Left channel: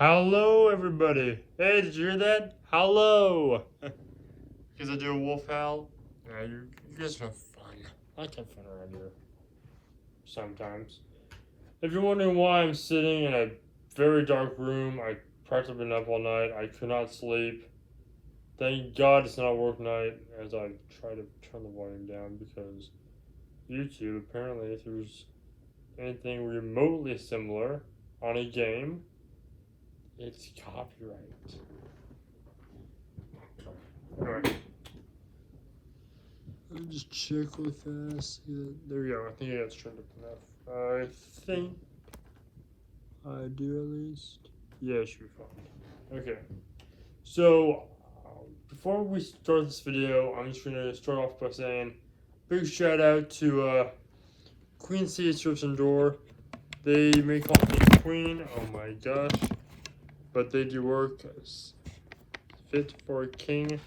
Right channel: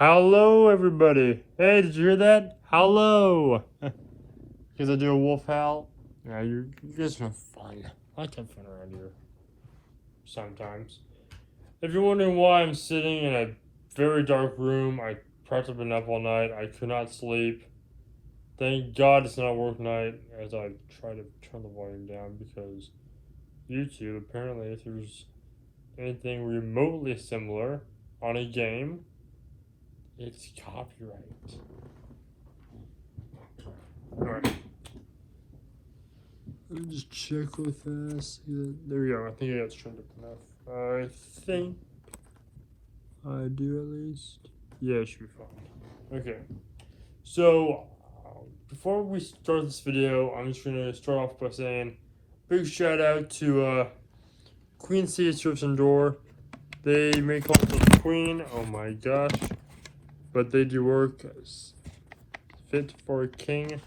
Hello, everybody. Hey, did you hear that? Hello. Because I do a wolf howl. Yeah, you guys are fun. I can fun around here sometimes. If you're wondering why I'm sitting in a very dark room, I practically been up all night. I could not sleep. Thank God it's not work night as I try to turn the volume down because YouTube, apparently, if there's anything remotely similar on a game, it's copyright. Alright. Let me just check real fast. There we go. I think I got it turned up enough. I think I do at least. Yeah, it should be fine. Okay. So, before we start this video, I'm just going to start off by saying big shout out to Queen City Strips and Door. They may call me Queen. Oh my gosh. But they do work as fit for a king.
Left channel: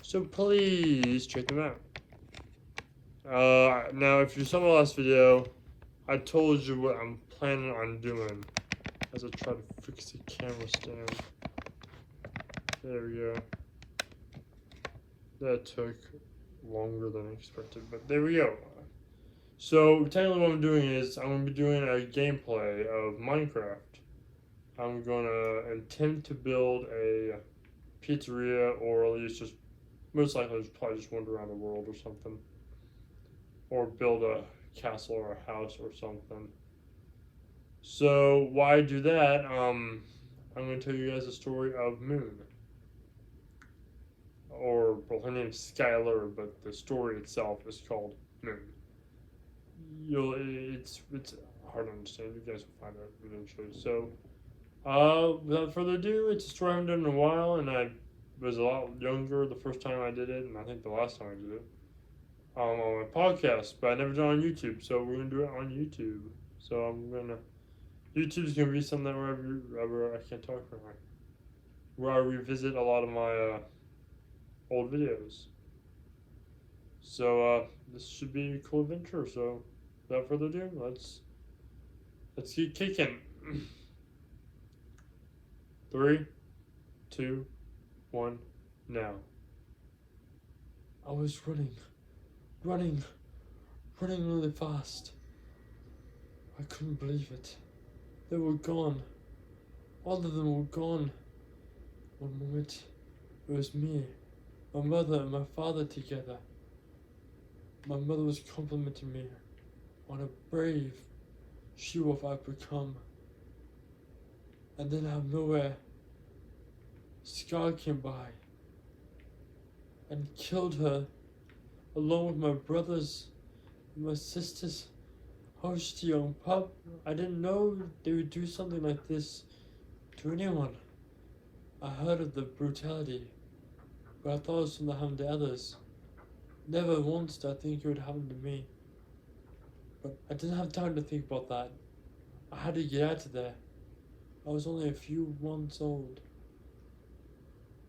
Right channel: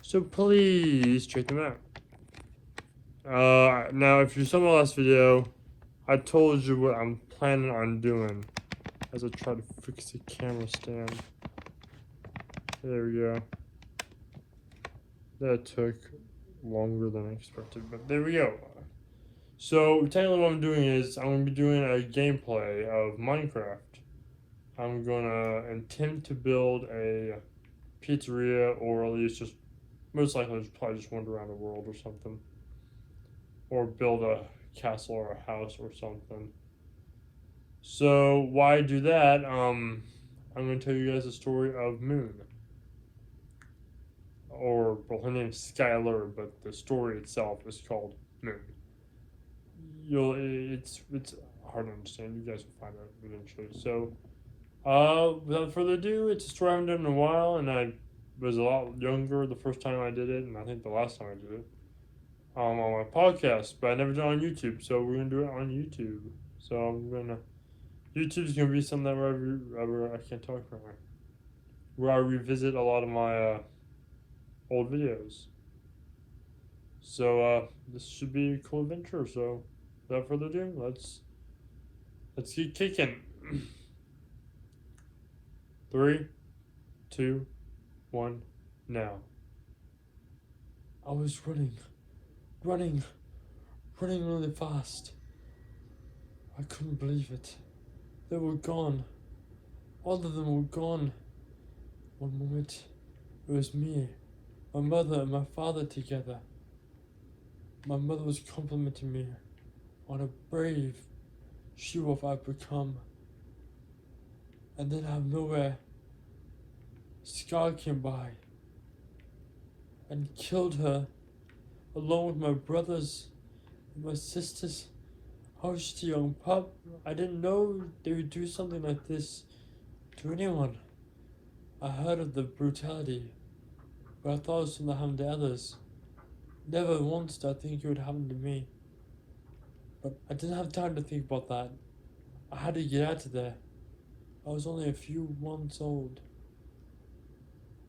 So please check them out. Now, if you saw my last video, I told you what I'm planning on doing as I try to fix the camera stand. There we go. That took longer than I expected, but there we go. So, technically what I'm doing is I'm going to be doing a gameplay of Minecraft. I'm going to attempt to build a pizzeria, or at least just, most likely just probably just wander around the world or something. Or build a castle or a house or something. So why do that? I'm going to tell you guys the story of Moon. Or, well, her name's Skylar, but the story itself is called Moon. It's hard to understand. You guys will find it eventually. So, without further ado, it's a story I haven't done in a while, and I was a lot younger the first time I did it, and I think the last time I did it. On my podcast, but I never did it on YouTube, so we're gonna do it on YouTube. So YouTube's gonna be something that wherever I can't talk right now, where I revisit a lot of my old videos. So this should be a cool adventure. So without further ado, let's keep kicking. 3, 2, 1, now. I was running really fast. I couldn't believe it. They were gone. All of them were gone. One moment, it was me, my mother, and my father together. My mother was complimenting me on a brave she-wolf I've become. And then out of nowhere, Scar came by and killed her, along with my brothers and my sisters. I was just a young pup. I didn't know they would do something like this to anyone. I heard of the brutality, but I thought it was going to happen to others. Never once did I think it would happen to me. But I didn't have time to think about that. I had to get out of there. I was only a few months old.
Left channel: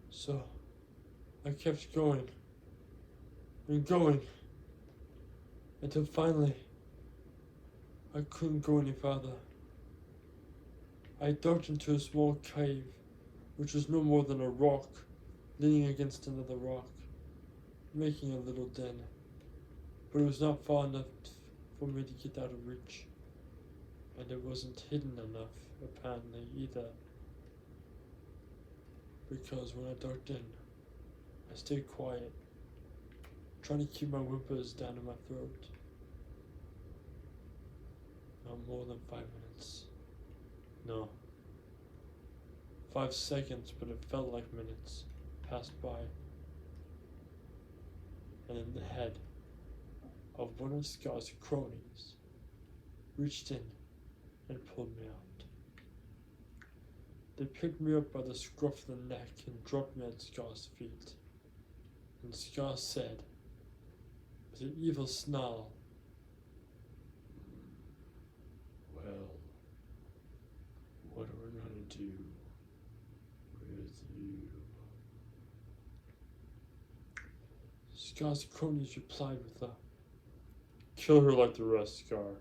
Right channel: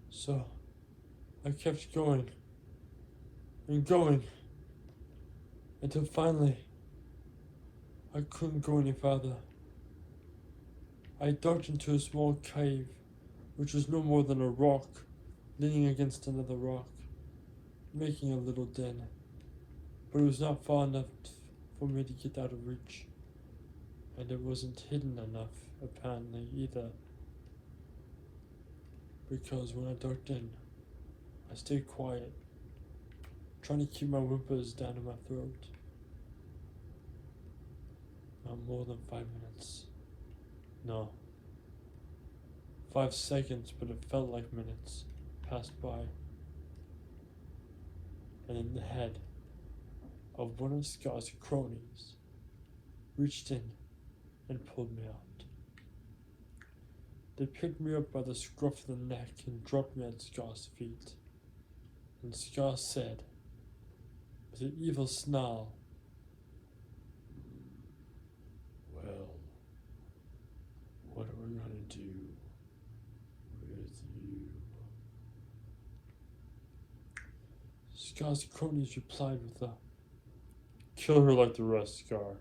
So, I kept going and going until finally I couldn't go any further. I dug into a small cave, which was no more than a rock leaning against another rock, making a little den. But it was not far enough for me to get out of reach, and it wasn't hidden enough, apparently, either. Because when I dug in, I stayed quiet, trying to keep my whimpers down in my throat. Not more than 5 minutes. No. 5 seconds, but it felt like minutes passed by. And then the head of one of Scar's cronies reached in and pulled me out. They picked me up by the scruff of the neck and dropped me at Scar's feet. And Scar said, with an evil snarl, "Well, what are we gonna do with you?" Scar's cronies replied with a, "Kill her like the rest, Scar."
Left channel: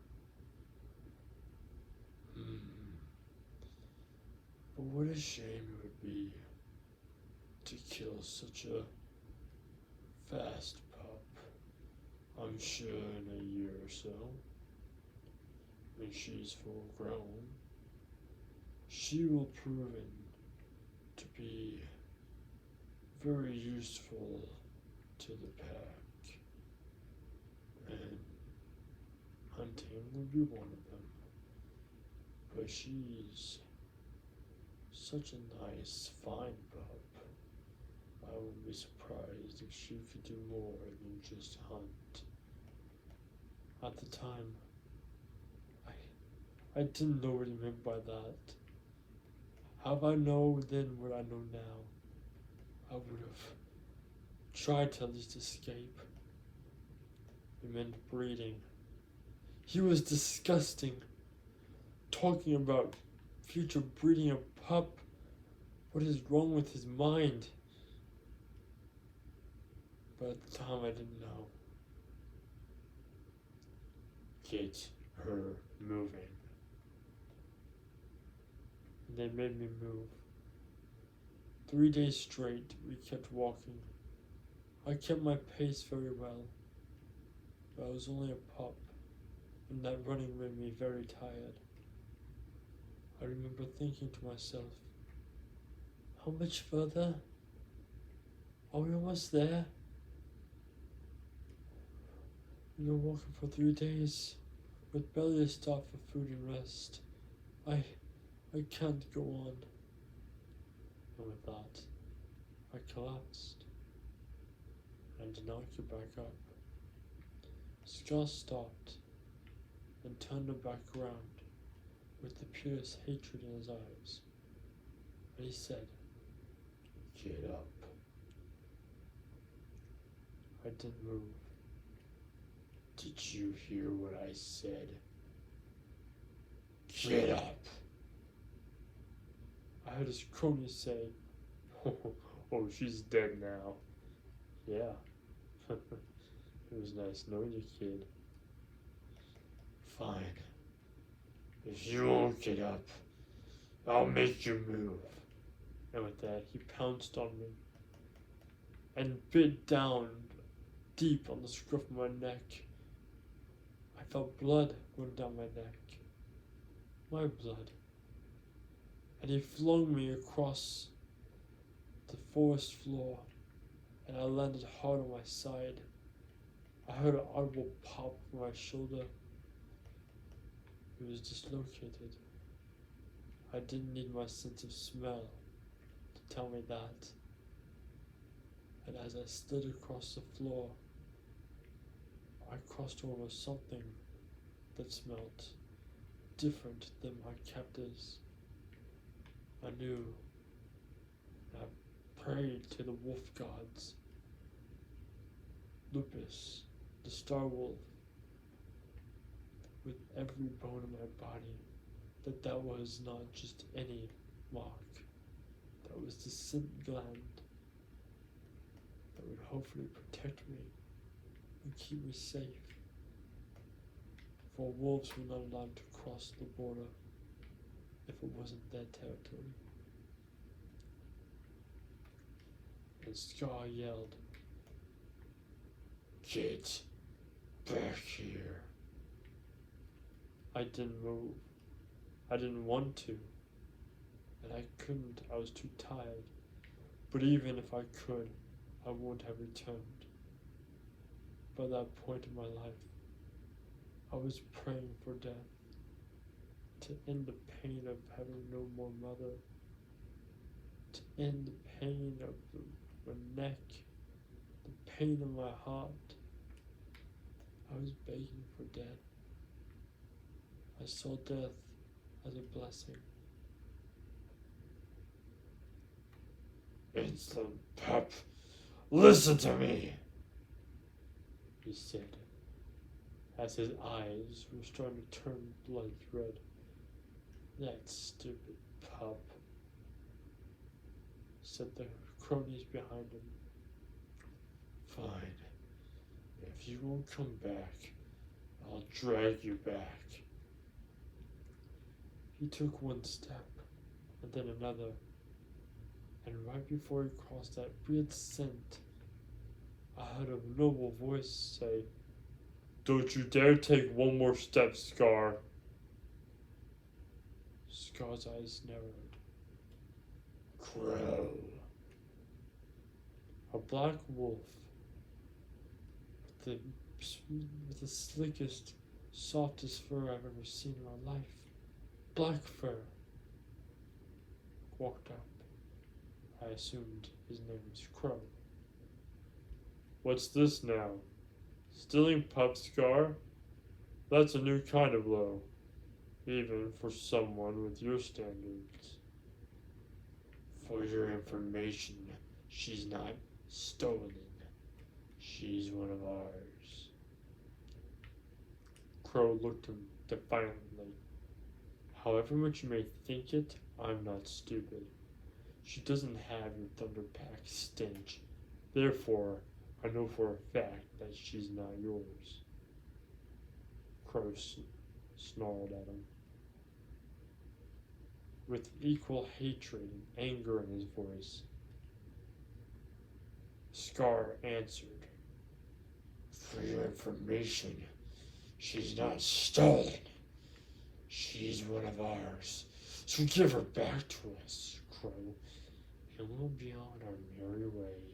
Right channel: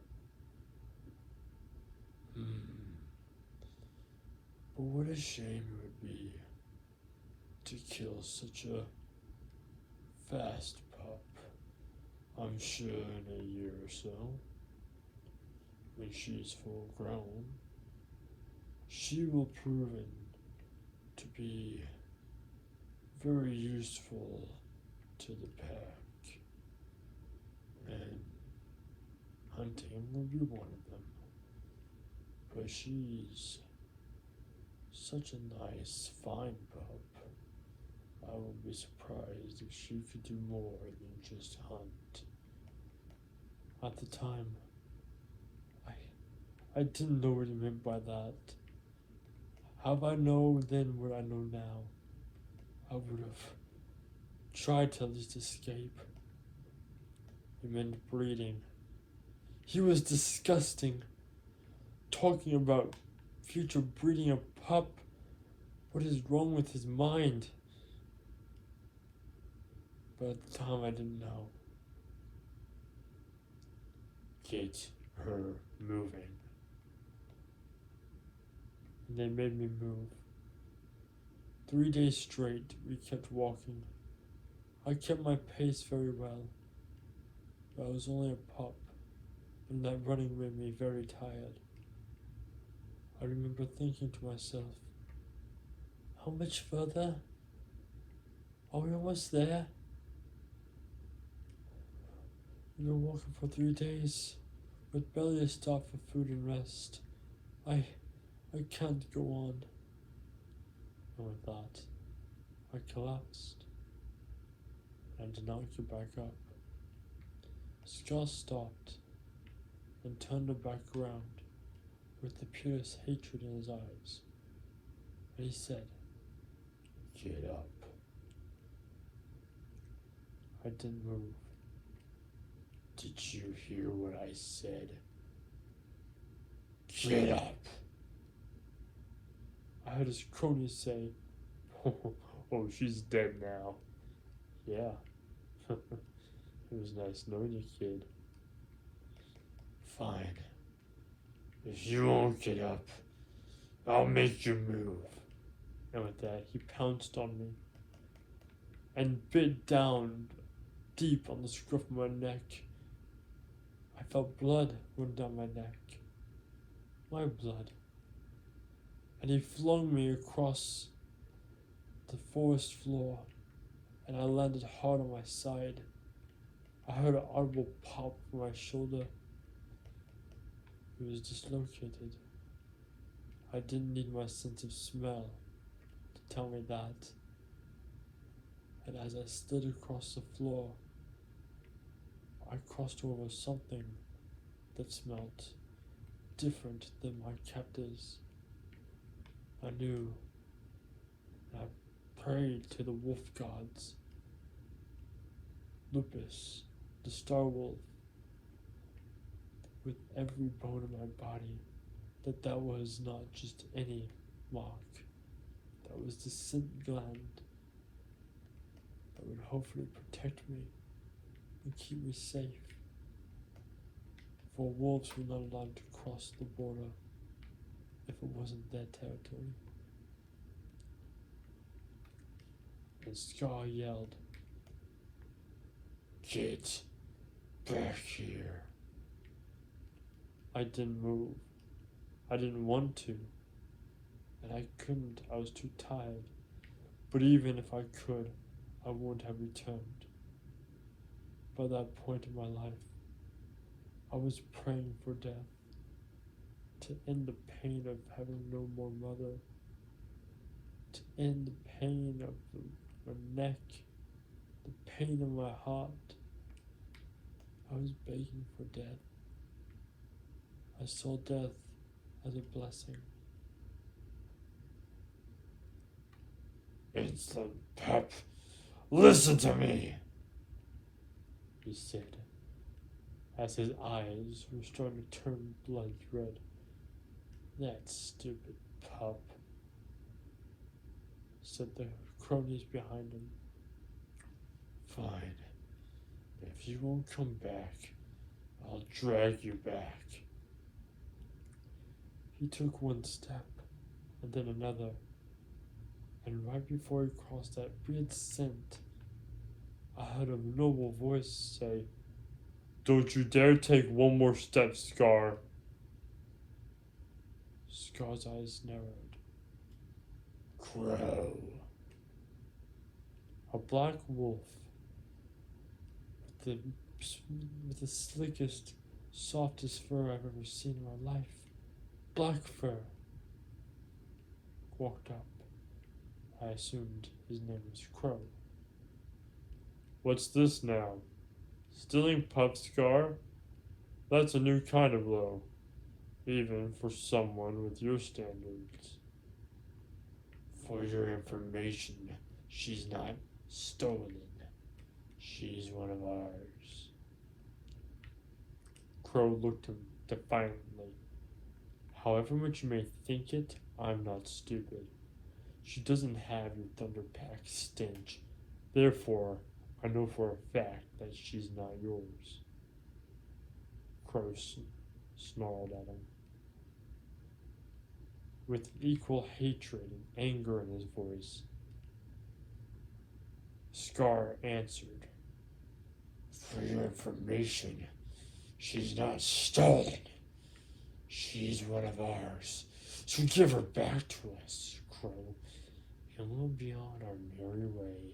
But what a shame it would be to kill such a fast pup. I'm sure in a year or so, when she's full grown, she will prove to be very useful to the pack, and hunting will be one of them. But she's such a nice, fine pup. I would be surprised if she could do more than just hunt. At the time, I didn't know what he meant by that. Had I known then what I know now, I would have tried to at least escape. It meant breeding. He was disgusting. Talking about future breeding a pup. What is wrong with his mind? But at the time I didn't know. Get her moving. And they made me move. 3 days straight, we kept walking. I kept my pace very well. But I was only a pup, and that running made me very tired. I remember thinking to myself, how much further? Are we almost there? We were walking for 3 days, with barely a stop for food and rest. I can't go on. And with that, I collapsed. I did not get back up. Scar stopped and turned her back around with the purest hatred in his eyes. And he said, get up. I didn't move. Did you hear what I said? Get up. I heard his cronies say, oh, she's dead now. Yeah. It was nice knowing you, kid. Fine. If you won't get up, I'll make you move. And with that, he pounced on me and bit down deep on the scruff of my neck. I felt blood run down my neck. My blood. And he flung me across the forest floor, and I landed hard on my side. I heard an audible pop from my shoulder. It was dislocated. I didn't need my sense of smell to tell me that. And as I slid across the floor, I crossed over something that smelt different than my captors. I knew. I prayed to the wolf gods. Lupus, the star wolf, with every bone in my body, that was not just any mark. That was the scent gland that would hopefully protect me and keep me safe. For wolves were not allowed to cross the border if it wasn't their territory. And Scar yelled, get back here. I didn't move. I didn't want to. And I couldn't. I was too tired. But even if I could, I wouldn't have returned. By that point in my life, I was praying for death, to end the pain of having no more mother, to end the pain of my neck, the pain of my heart. I was begging for death. I saw death as a blessing. Instant Pep, listen to me, he said, as his eyes were starting to turn blood red. That stupid pup, said the cronies behind him. Fine. If you won't come back, I'll drag you back. He took one step, and then another. And right before he crossed that weird scent, I heard a noble voice say, "Don't you dare take one more step, Scar." Scar's eyes narrowed. Crow. A black wolf with the slickest, softest fur I've ever seen in my life. Black fur. Walked up. I assumed his name was Crow. "What's this now? Stealing pups, Scar? That's a new kind of low, even for someone with your standards." "For your information, she's not stolen. She's one of ours." Crow looked at him defiantly. "However much you may think it, I'm not stupid. She doesn't have your Thunderpack stench. Therefore, I know for a fact that she's not yours." Crow snarled at him, with equal hatred and anger in his voice. Scar answered, "For your information, she's not stolen. She's one of ours. So give her back to us, Crow, and we'll be on our merry way,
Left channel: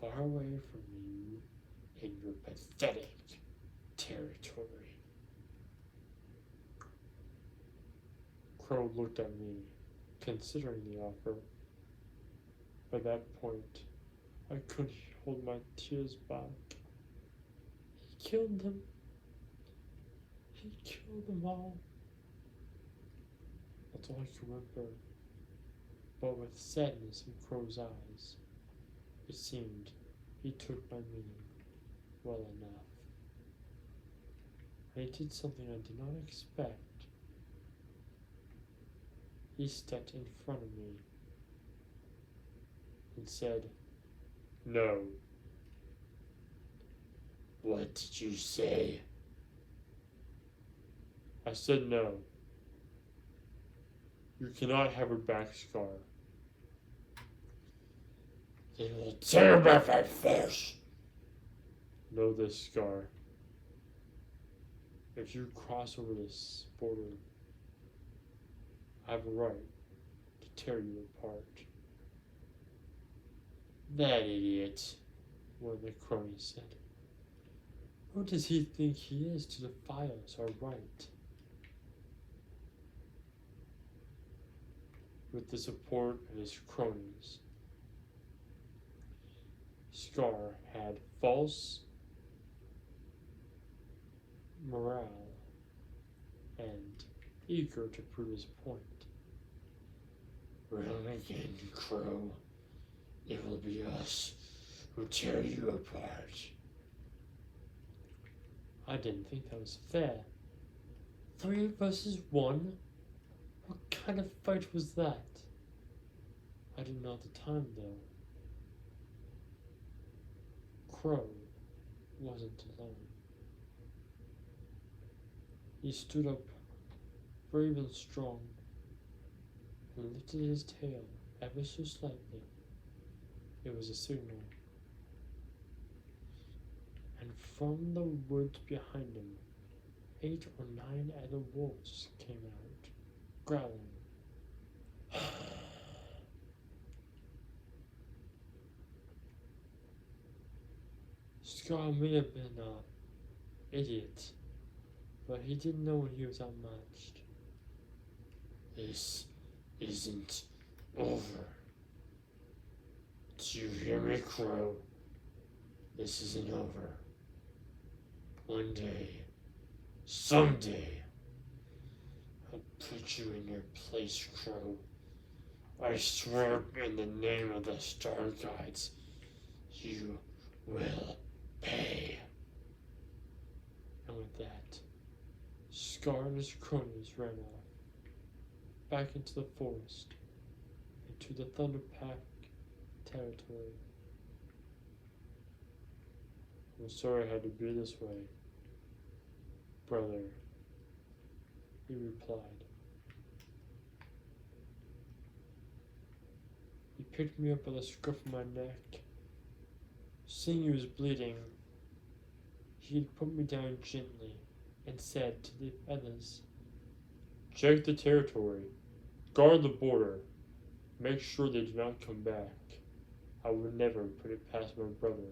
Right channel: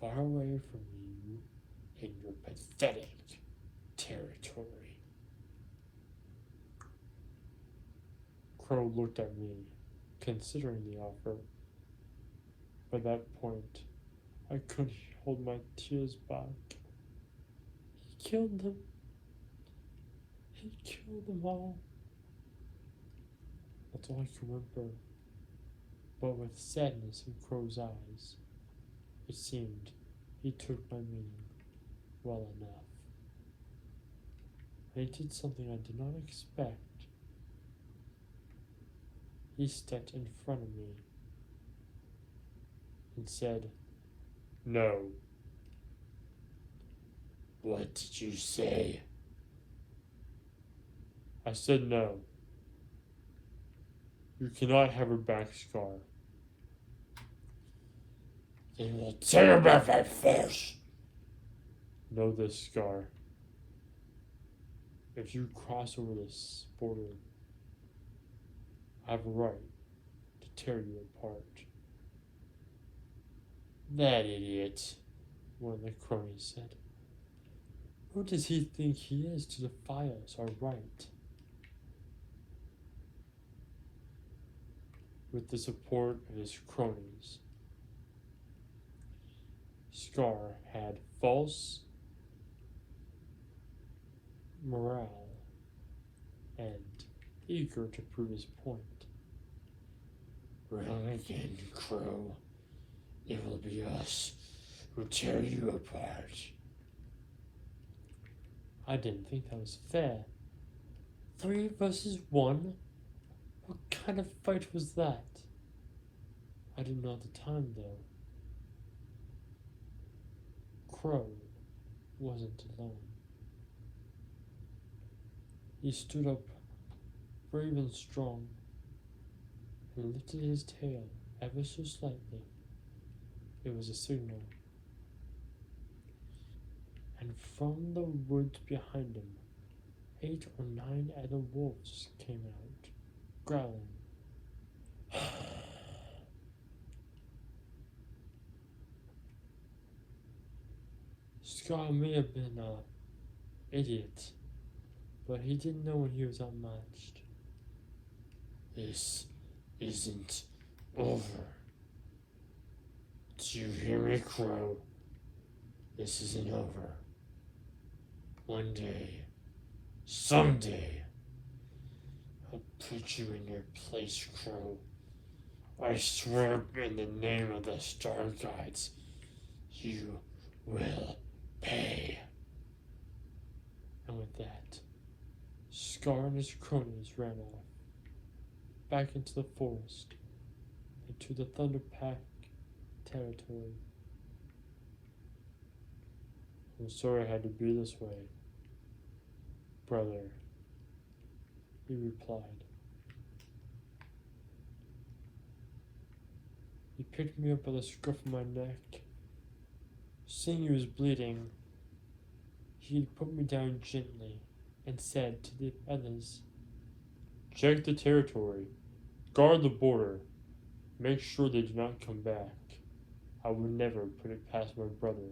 far away from you and your pathetic territory." Crow looked at me, considering the offer. By that point, I couldn't hold my tears back. He killed them. He killed them all. That's all I can remember. But with sadness in Crow's eyes, it seemed he took my meaning well enough. And he did something I did not expect. He stepped in front of me and said, "No." "What did you say?" "I said no. You cannot have her back, Scar." "Then we'll tear her back by force." "Know this, Scar. If you cross over this border, I have a right to tear you apart." "That idiot," one of the cronies said. "Who does he think he is to defy us, our right?" With the support of his cronies, Scar had false morale and eager to prove his point. "Wrong again, Crow. It will be us who tear you apart." I didn't think that was fair. 3 versus 1? What kind of fight was that? I didn't know at the time, though. Crow wasn't alone. He stood up, brave and strong. He lifted his tail ever so slightly. It was a signal. And from the woods behind him, 8 or 9 other wolves came out, growling. Scar may have been an idiot, but he didn't know when he was outmatched. "This isn't over. Do you hear me, Crow? This isn't over. One day, someday, I'll put you in your place, Crow. I swear in the name of the Star Guides, you will pay." And with that, Scar and his cronies ran off, back into the forest, into the Thunderpack territory. "I'm sorry it had to be this way, brother," he replied. He picked me up by the scruff of my neck. Seeing he was bleeding, he put me down gently and said to the others, "Check the territory. Guard the border. Make sure they do not come back. I would never put it past my brother."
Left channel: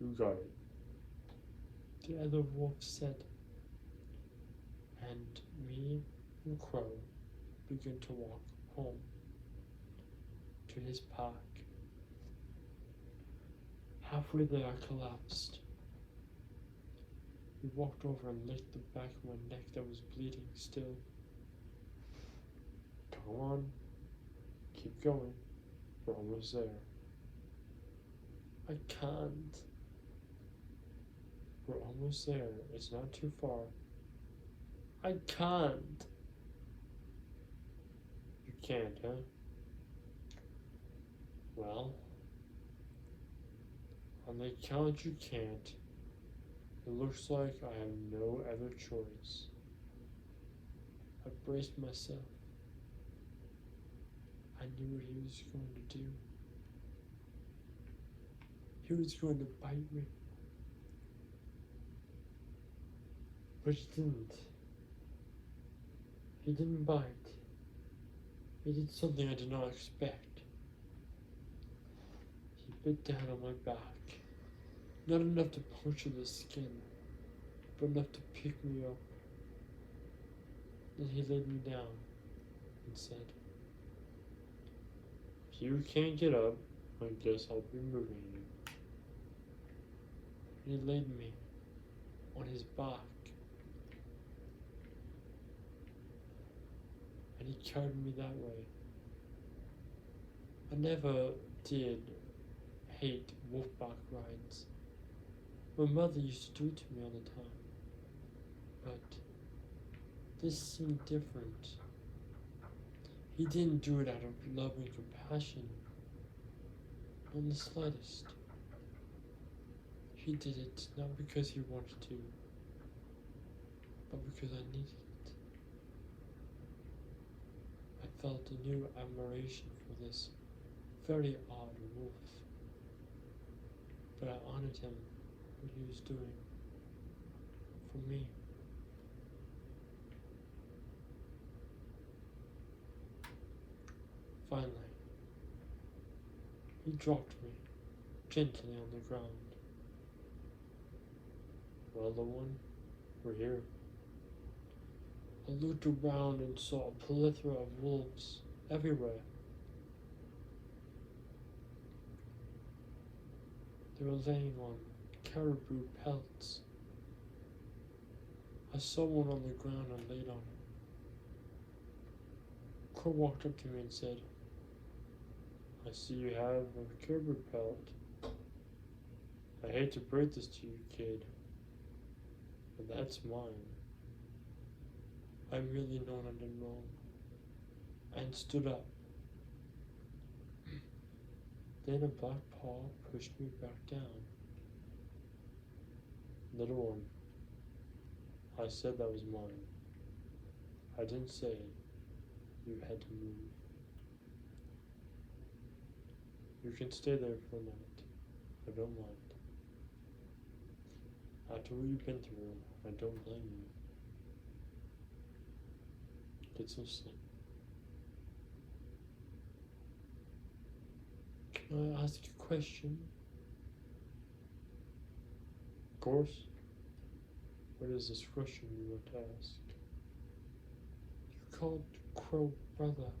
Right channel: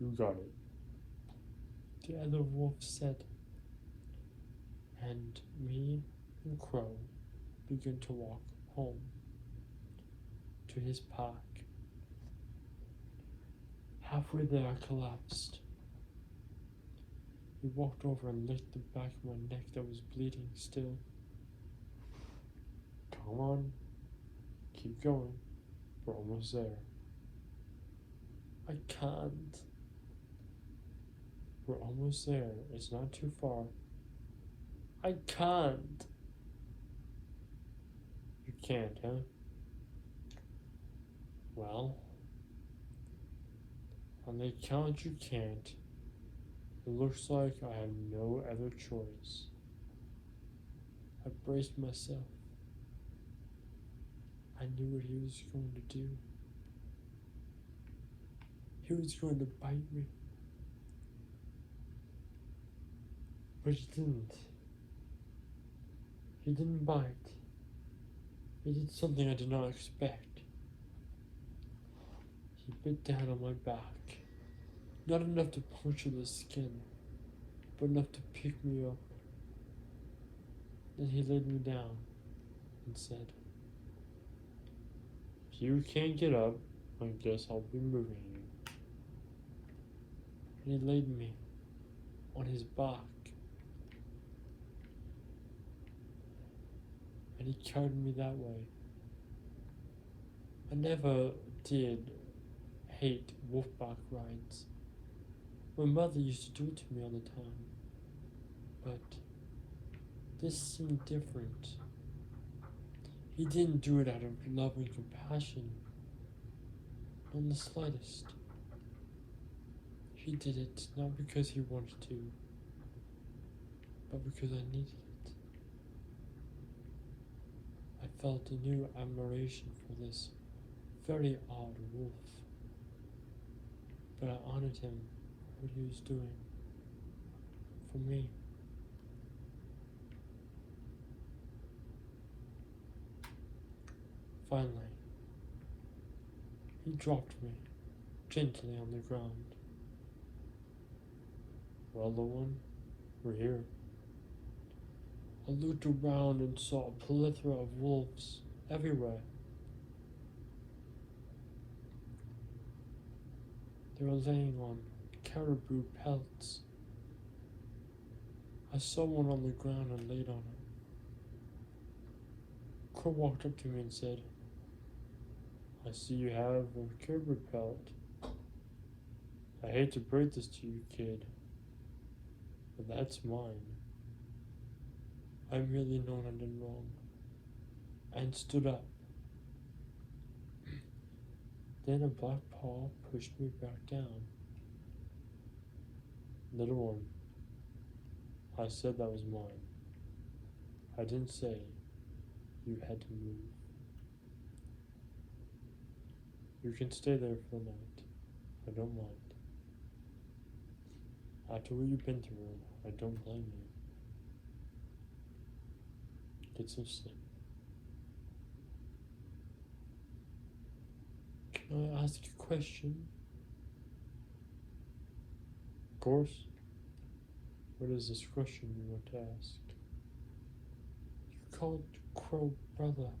"You got it," the other wolf said, and me and Crow began to walk home to his park. Halfway there, I collapsed. He walked over and licked the back of my neck that was bleeding still. "Come on, keep going. We're almost there." "I can't." "We're almost there. It's not too far." "I can't." "You can't, huh? Well, on the account you can't, it looks like I have no other choice." I braced myself. I knew what he was going to do. He was going to bite me. But he didn't. He didn't bite. He did something I did not expect. He bit down on my back. Not enough to puncture the skin, but enough to pick me up. Then he laid me down and said, "If you can't get up, I guess I'll be moving you." And he laid me on his back. And he carried me that way. I never did hate wolfpack rides. My mother used to do it to me all the time. But this seemed different. He didn't do it out of love and compassion in the slightest. He did it not because he wanted to, but because I needed it. I felt a new admiration for this very odd wolf, but I honored him what he was doing for me. Finally, he dropped me gently on the ground. "Well, little one, we're here." I looked around and saw a plethora of wolves everywhere. They were laying on caribou pelts. I saw one on the ground and laid on it. Crow walked up to me and said, "I see you have a caribou pelt. I hate to break this to you, kid, but that's mine." I really known I did wrong, and stood up. Then a black paw pushed me back down. "Little one, I said that was mine. I didn't say you had to move. You can stay there for a minute. I don't mind. After what you've been through, I don't blame you. Get some sleep. Can I ask you a question?" "Of course. What is this question you want to ask?" "You called Crow brother.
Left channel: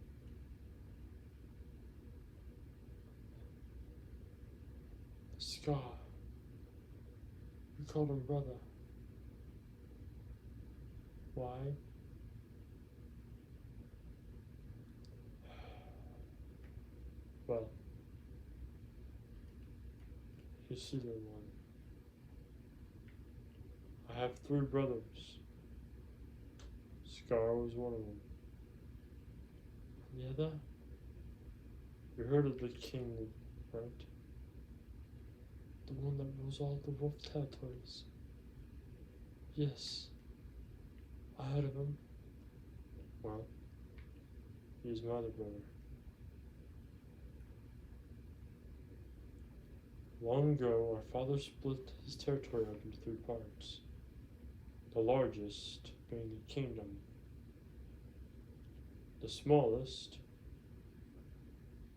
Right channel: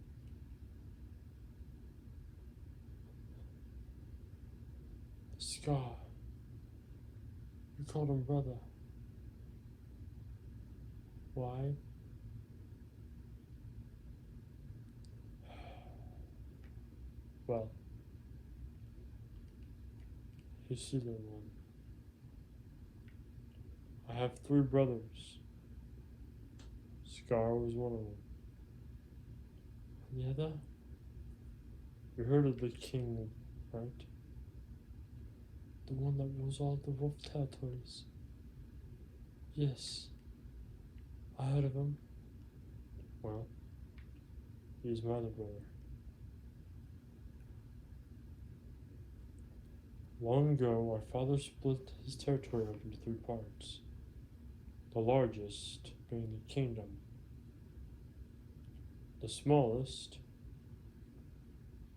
Scar. You called him brother. Why?" "Well, you see, little one, I have 3 brothers. Scar was one of them. And the other? You heard of the king, right? The one that rules all the wolf territories." "Yes, I heard of him." "Well, he's my other brother. Long ago, our father split his territory into three parts, the largest being the kingdom, the smallest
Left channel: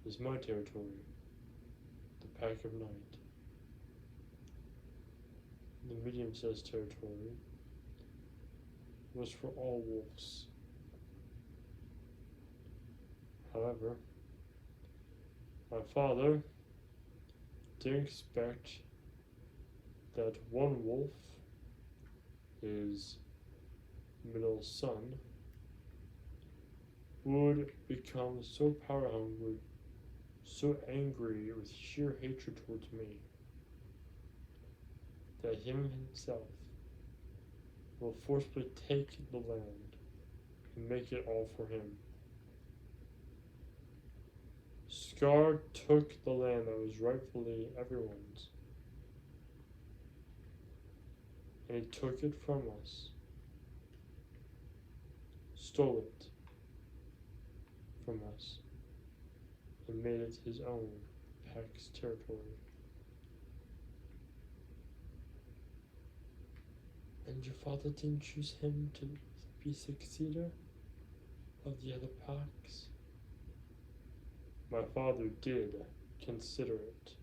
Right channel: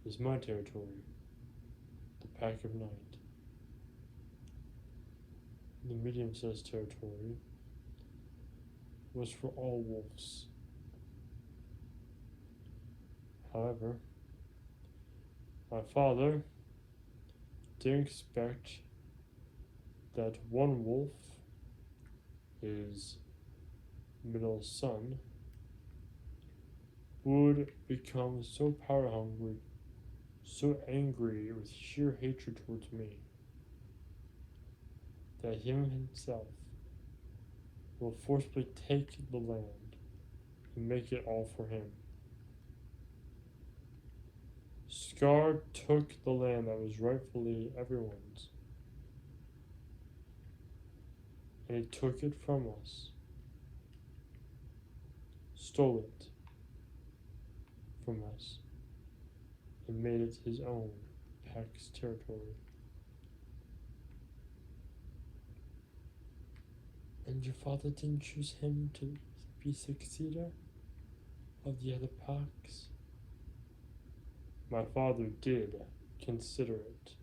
is my territory, the Pack of Night. The medium-sized territory was for all wolves. However, my father didn't expect that one wolf, his middle son, would become so power hungry, so angry with sheer hatred towards me, that him himself will forcibly take the land and make it all for him. Scar took the land that was rightfully everyone's, and he took it from us, stole it from us, and made it his own, Pack's territory. And your father didn't choose him to be successor of the other Packs? My father did consider it.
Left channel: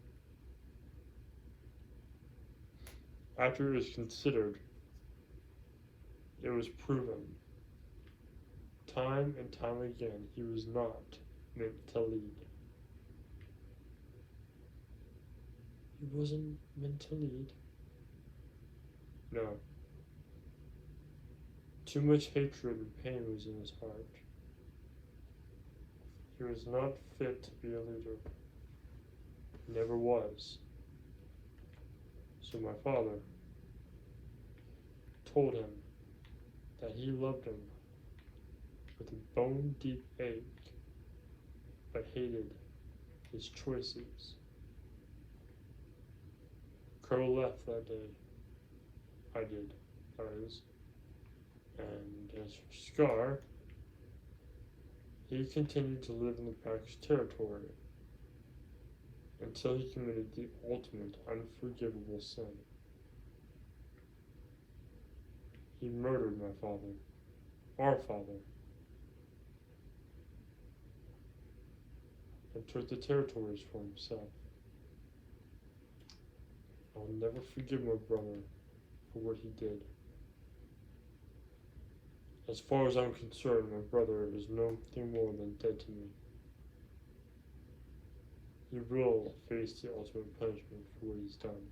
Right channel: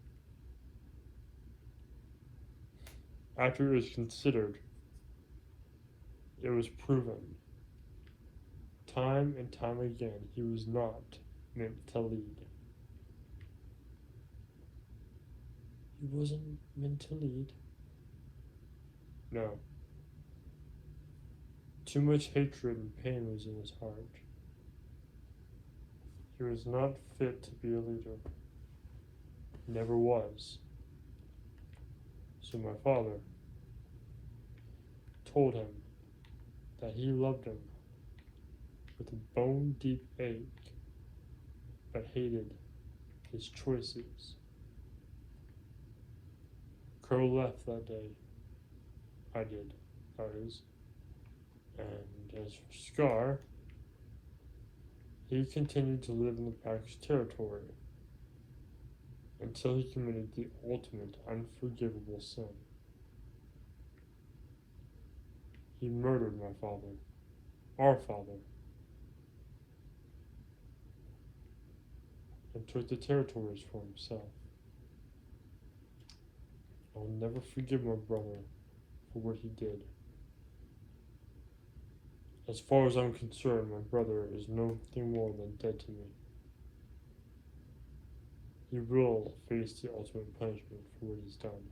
After it was considered, it was proven time and time again he was not meant to lead. He wasn't meant to lead? No. Too much hatred and pain was in his heart. He was not fit to be a leader. Never was. So my father told him that he loved him with a bone-deep ache, but hated his choices. Crow left that day. I did, that is. And as for Scar, he continued to live in the Pack's territory until he committed the ultimate unforgivable sin. He murdered my father, our father, and took the territories for himself. I will never forgive my brother for what he did. As far as I'm concerned, my brother is nothing more than dead to me. He will face the ultimate punishment for what he's done.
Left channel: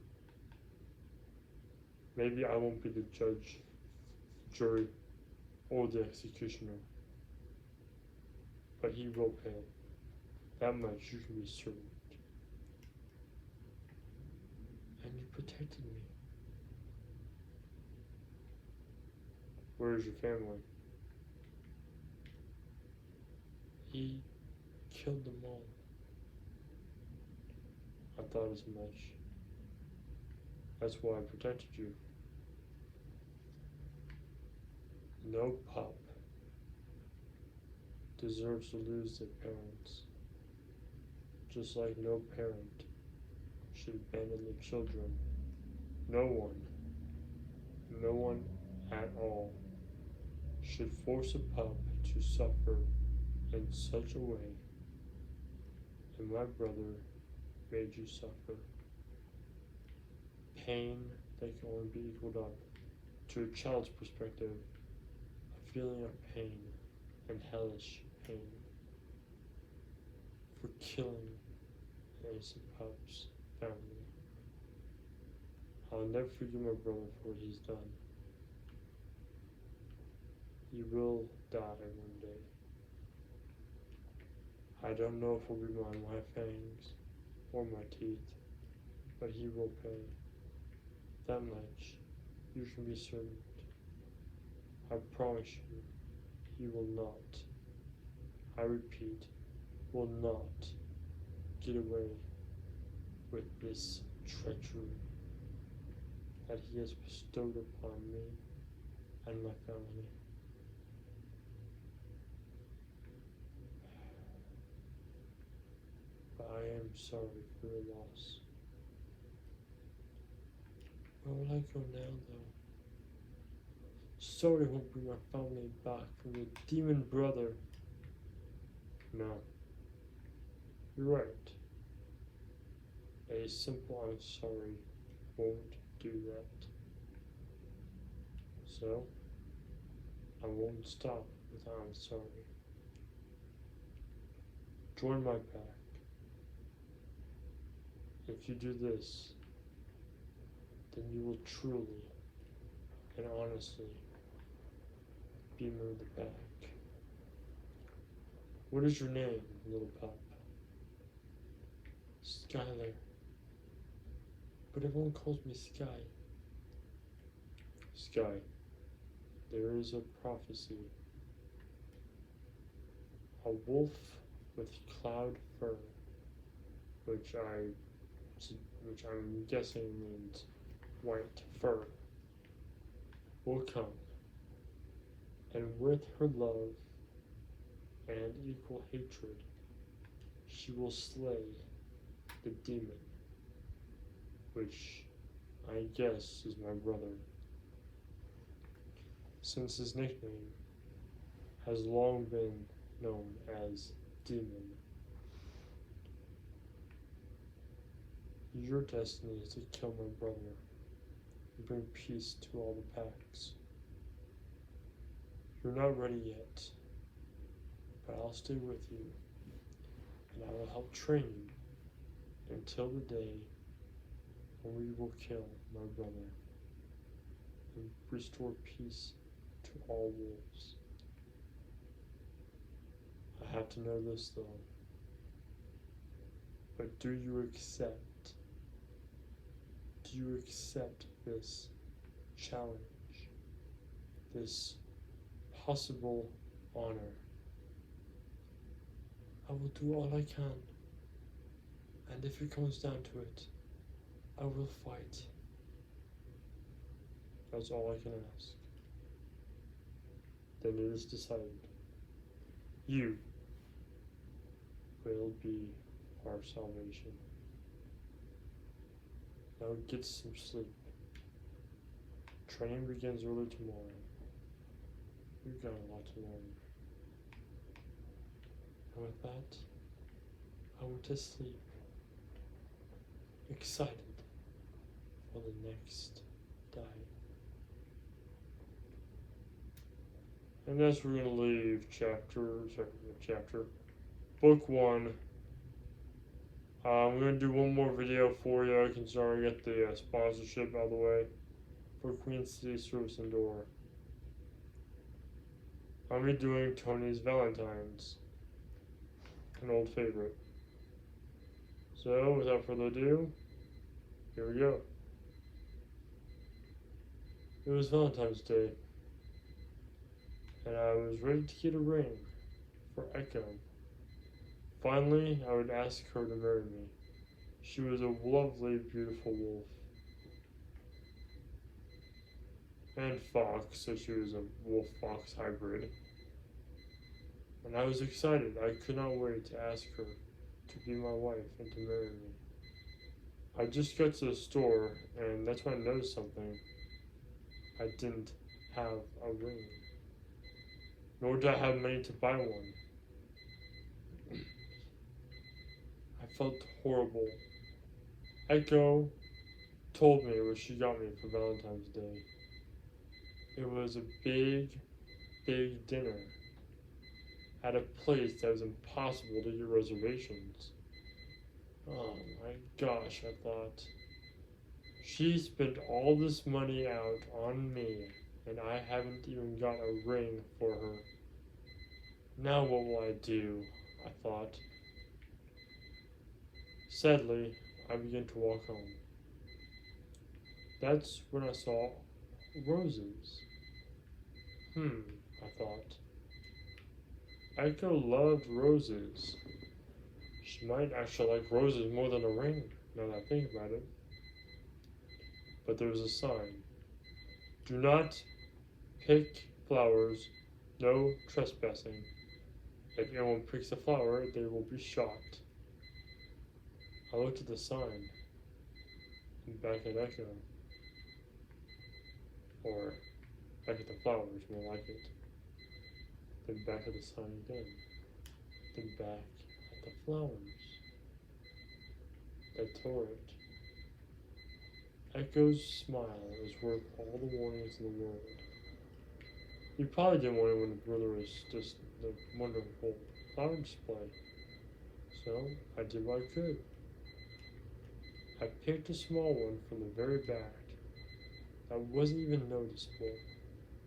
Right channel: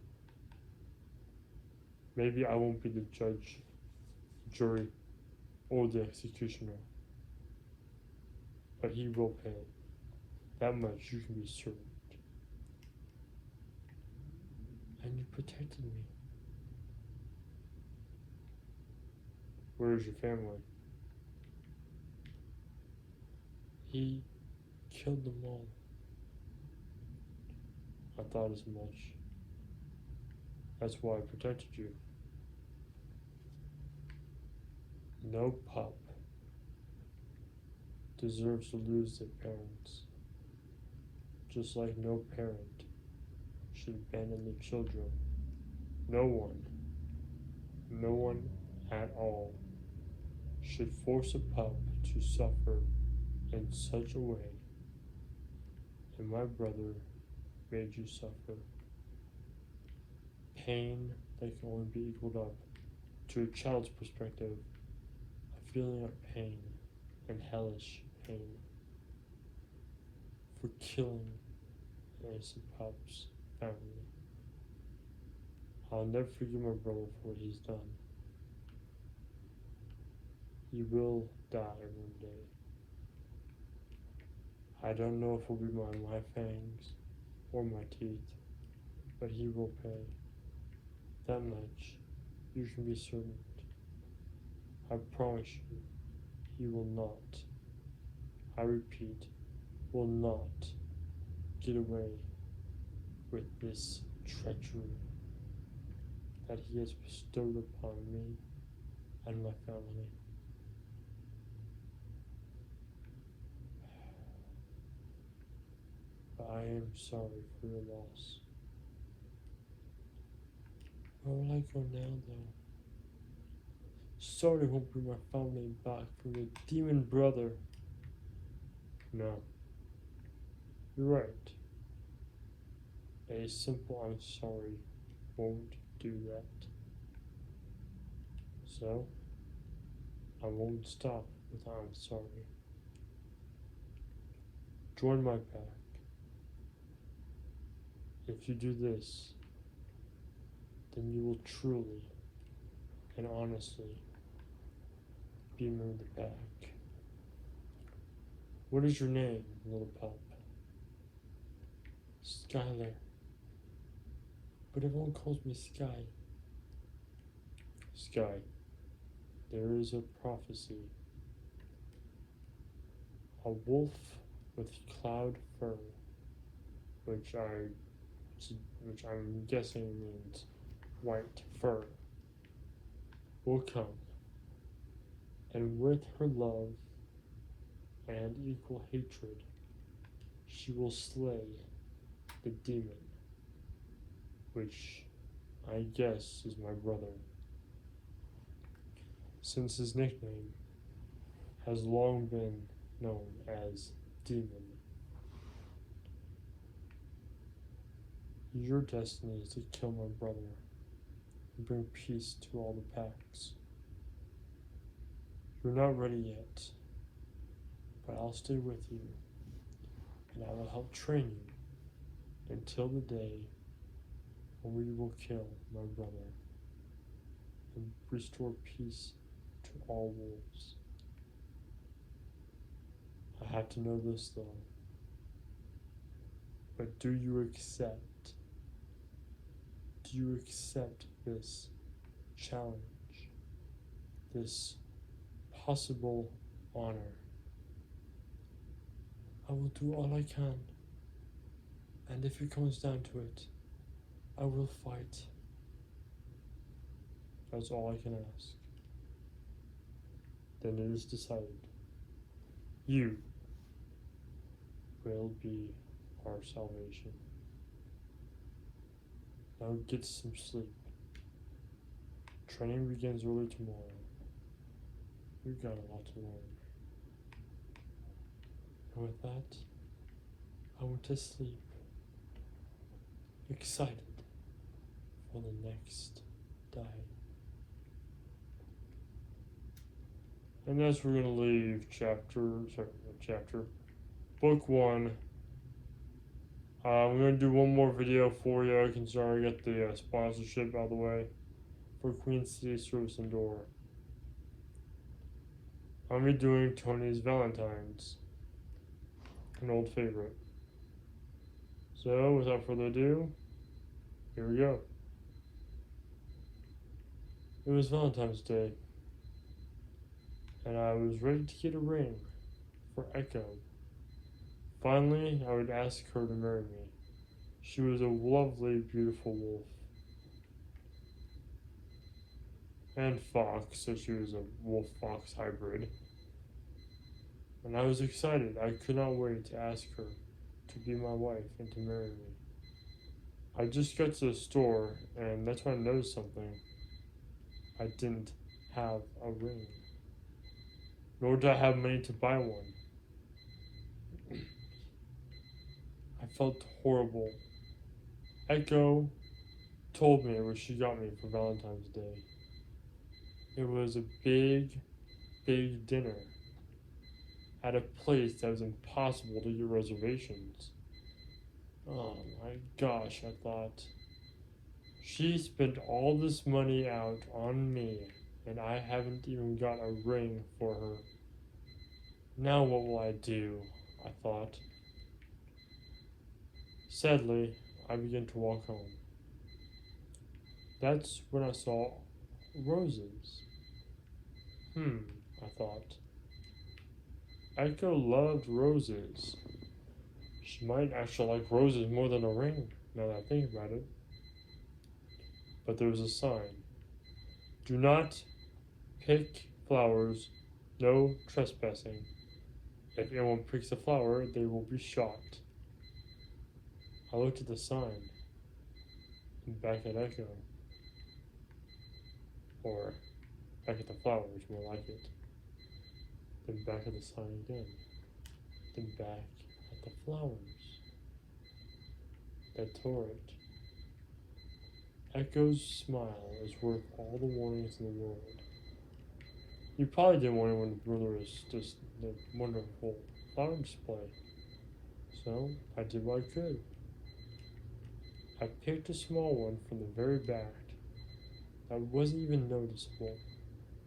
Maybe I won't be the judge, jury, or the executioner, but he will pay. That much you can be certain. And you protected me. Where's your family? He killed them all. I thought as much. That's why I protected you. No pup deserves to lose their parents, just like no parent should abandon their children. No one at all should force a pup to suffer in such a way, and my brother made you suffer. Pain that can only be equaled up to a child's perspective, a feeling of pain and hellish pain for killing an innocent pup's family. I'll never forgive my brother for what he's done. He will die one day. I don't know if it will be my fangs or my teeth, but he will pay. That much you can be certain. I promise you, he will not, I repeat, will not get away with this treachery that he has bestowed upon me and my family. I am sorry for your loss. Where will I go now, though? Sorry won't bring our family back from your demon brother. No. You're right. A simple I'm sorry won't do that. So, I won't stop with I'm sorry. Join my pack. If you do this, then you will truly and honestly be me in the back. What is your name, little pup? Skylar. But everyone calls me Sky. Sky, there is a prophecy. A wolf with cloud fur, which I'm guessing means white fur, will come, and with her love and equal hatred, she will slay the demon, which I guess is my brother, since his nickname has long been known as Demon. Your destiny is to kill my brother and bring peace to all the packs. You're not ready yet, but I'll stay with you, and I will help train you until the day when we will kill my brother and restore peace to all wolves. I have to know this though, but do you accept this challenge, this possible honor? I will do all I can, and if it comes down to it, I will fight. That's all I can ask. Then it is decided. You will be our salvation. Now get some sleep. Training begins early tomorrow. You've got a lot to learn. And with that, I went to sleep, excited for the next day. And that's where we're going to leave book 1. I'm going to do one more video for you, considering I get the sponsorship out of the way for Queen City Service and Door. I'm going to be doing Tony's Valentine's, an old favorite. So, without further ado, here we go. It was Valentine's Day, and I was ready to get a ring for Echo. Finally, I would ask her to marry me. She was a lovely, beautiful wolf. And fox, so she was a wolf-fox hybrid. And I was excited. I could not wait to ask her to be my wife and to marry me. I just got to the store, and that's when I noticed something. I didn't have a ring. Nor did I have money to buy one. I felt horrible. Echo told me what she got me for Valentine's Day. It was a big, big dinner at a place that was impossible to get reservations. Oh my gosh, I thought. She spent all this money out on me, and I haven't even got a ring for her. Now what will I do? I thought. Sadly, I began to walk home. That's when I saw roses. I thought. Echo loved roses. She might actually like roses more than a ring, now that I think about it. But there was a sign. Do not pick flowers, no trespassing. If anyone picks a flower, they will be shot. I looked at the sign and back at Echo. Or back at the flowers, more like it. Then back at the sun again. Then back at the flowers. That tore it. Echo's smile was worth all the warnings in the world. You probably didn't want anyone to ruin just the wonderful flower display. So I did what I could. I picked a small one from the very back that wasn't even noticeable.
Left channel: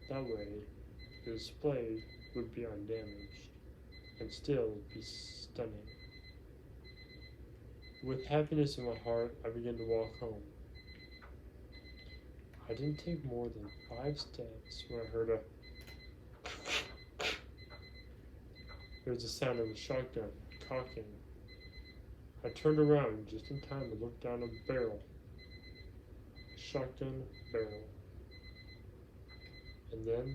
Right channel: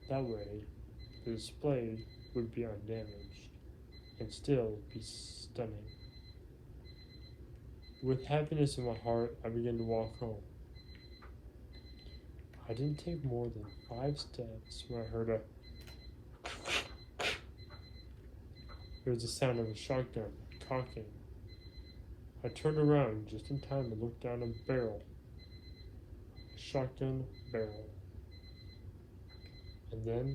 That way, the display would be undamaged and still be stunning. With happiness in my heart, I began to walk home. I didn't take more than 5 steps when I heard it was the sound of a shotgun cocking. I turned around just in time to look down a barrel. A shotgun barrel. And then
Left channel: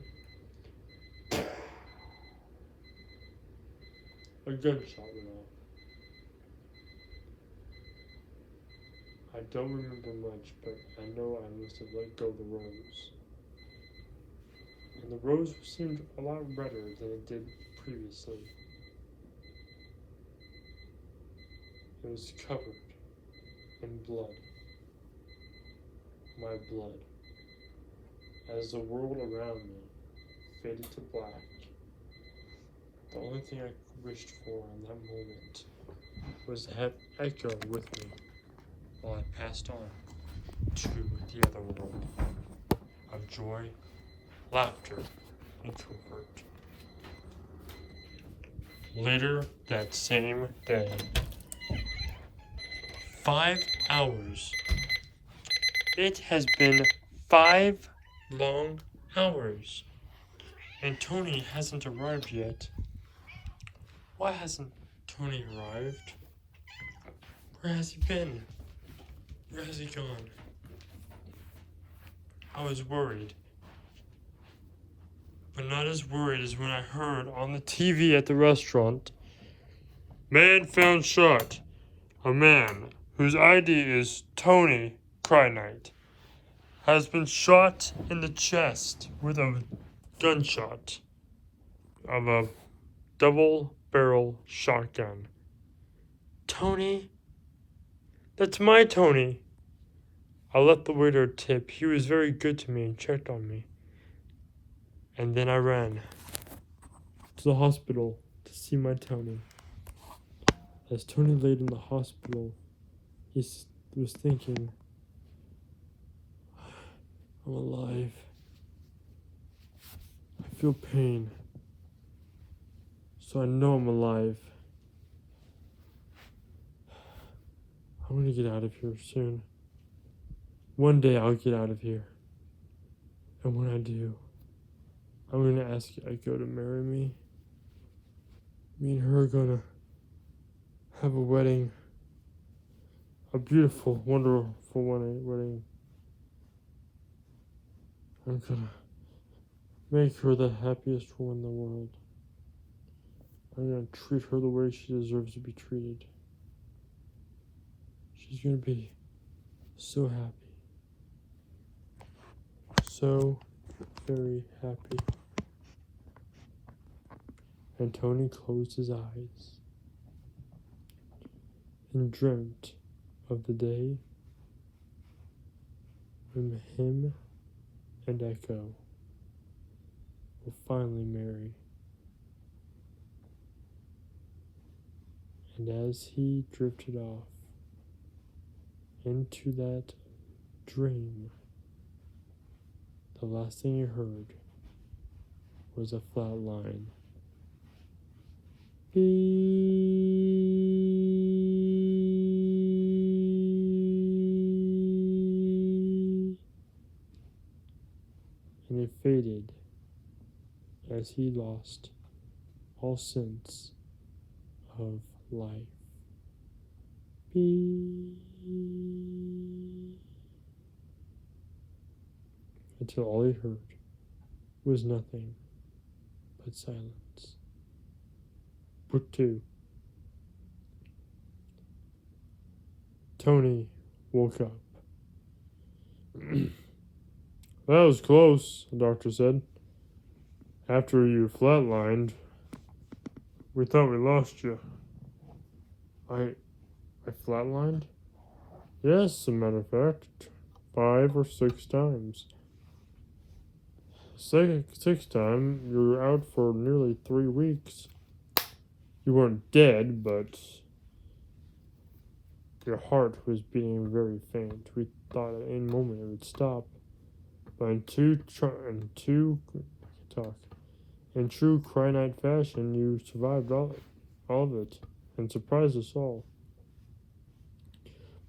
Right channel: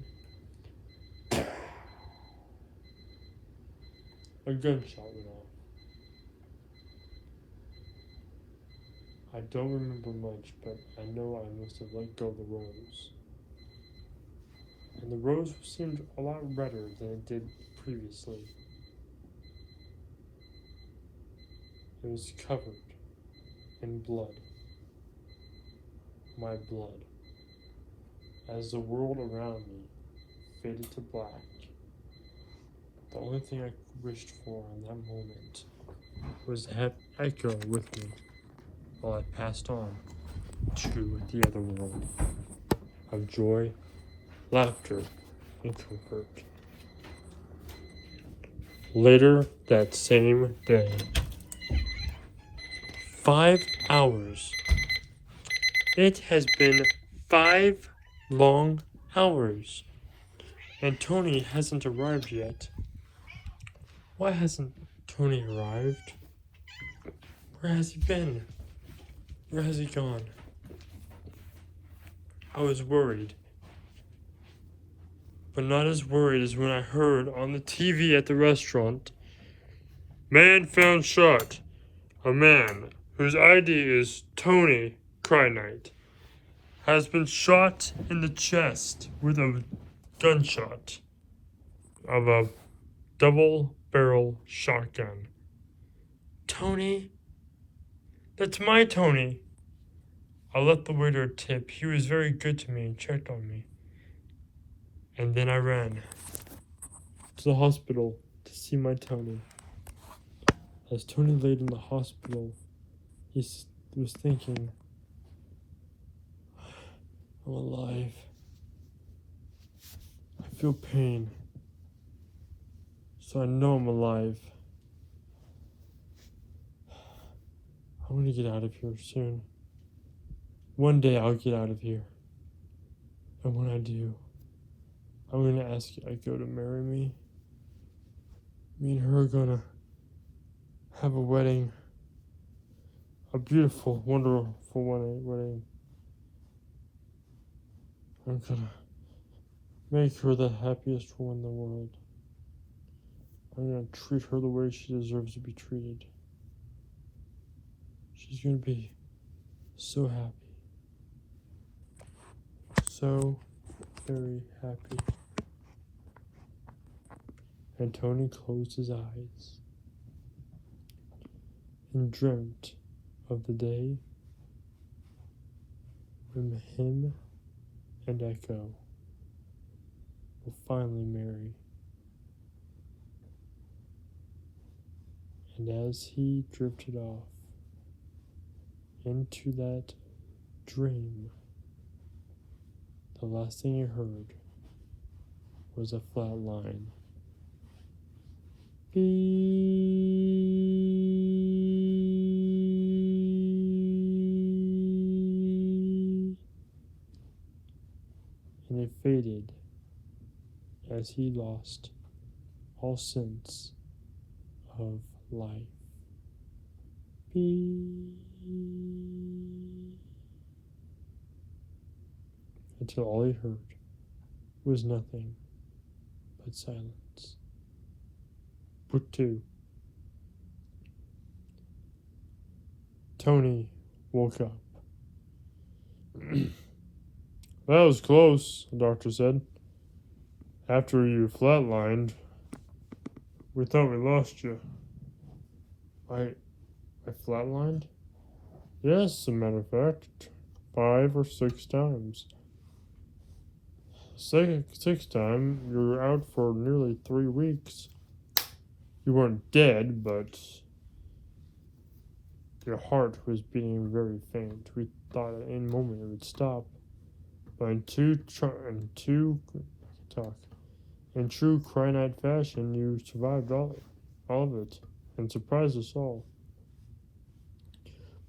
a gunshot went off. I don't remember much, but I know I must have let go of the rose. And the rose seemed a lot redder than it did previously. It was covered in blood. My blood. As the world around me faded to black, the only thing I wished for in that moment was to have Echo with me while I passed on to the other world of joy, laughter, and comfort. Later that same day, 5 hours. It has been 5 long hours, and Tony hasn't arrived yet. Why hasn't Tony arrived? Where has he been? Where has he gone? I was worried, but not as worried as when I heard on the TV at the restaurant, "Man found shot. A man whose ID is Tony Kryknight has been shot in the chest with a gunshot of a double-barrel shotgun." Tony? That's my Tony. I let the waiter tip. He was very good to me and checked on me. And then I ran to the hospital to see my Tony. As Tony laid in the hospital, he was thinking, "I'm alive. I feel pain, so I know I'm alive. I'm gonna get out of here soon. One day I'll get out of here. And when I do, I'm gonna ask Echo to marry me. Me and her are gonna have a wedding. A beautiful, wonderful wedding. I'm gonna make her the happiest woman in the world. I'm gonna treat her the way she deserves to be treated. She's gonna be so happy. So very happy." And Tony closed his eyes and dreamt of the day when him and Echo will finally marry. And as he drifted off into that dream, the last thing he heard was a flat line. Beep. And it faded as he lost all sense of life. Beep. Until all he heard was nothing but silence. Book 2. Tony woke up. That was close, the doctor said. After you flatlined, we thought we lost you. I flatlined? Yes, as a matter of fact. 5 or 6 times. Sixth time, you were out for nearly 3 weeks. You weren't dead, but your heart was beating very faint. We thought at any moment it would stop. But in true Cry-Night fashion, you survived all of it and surprised us all.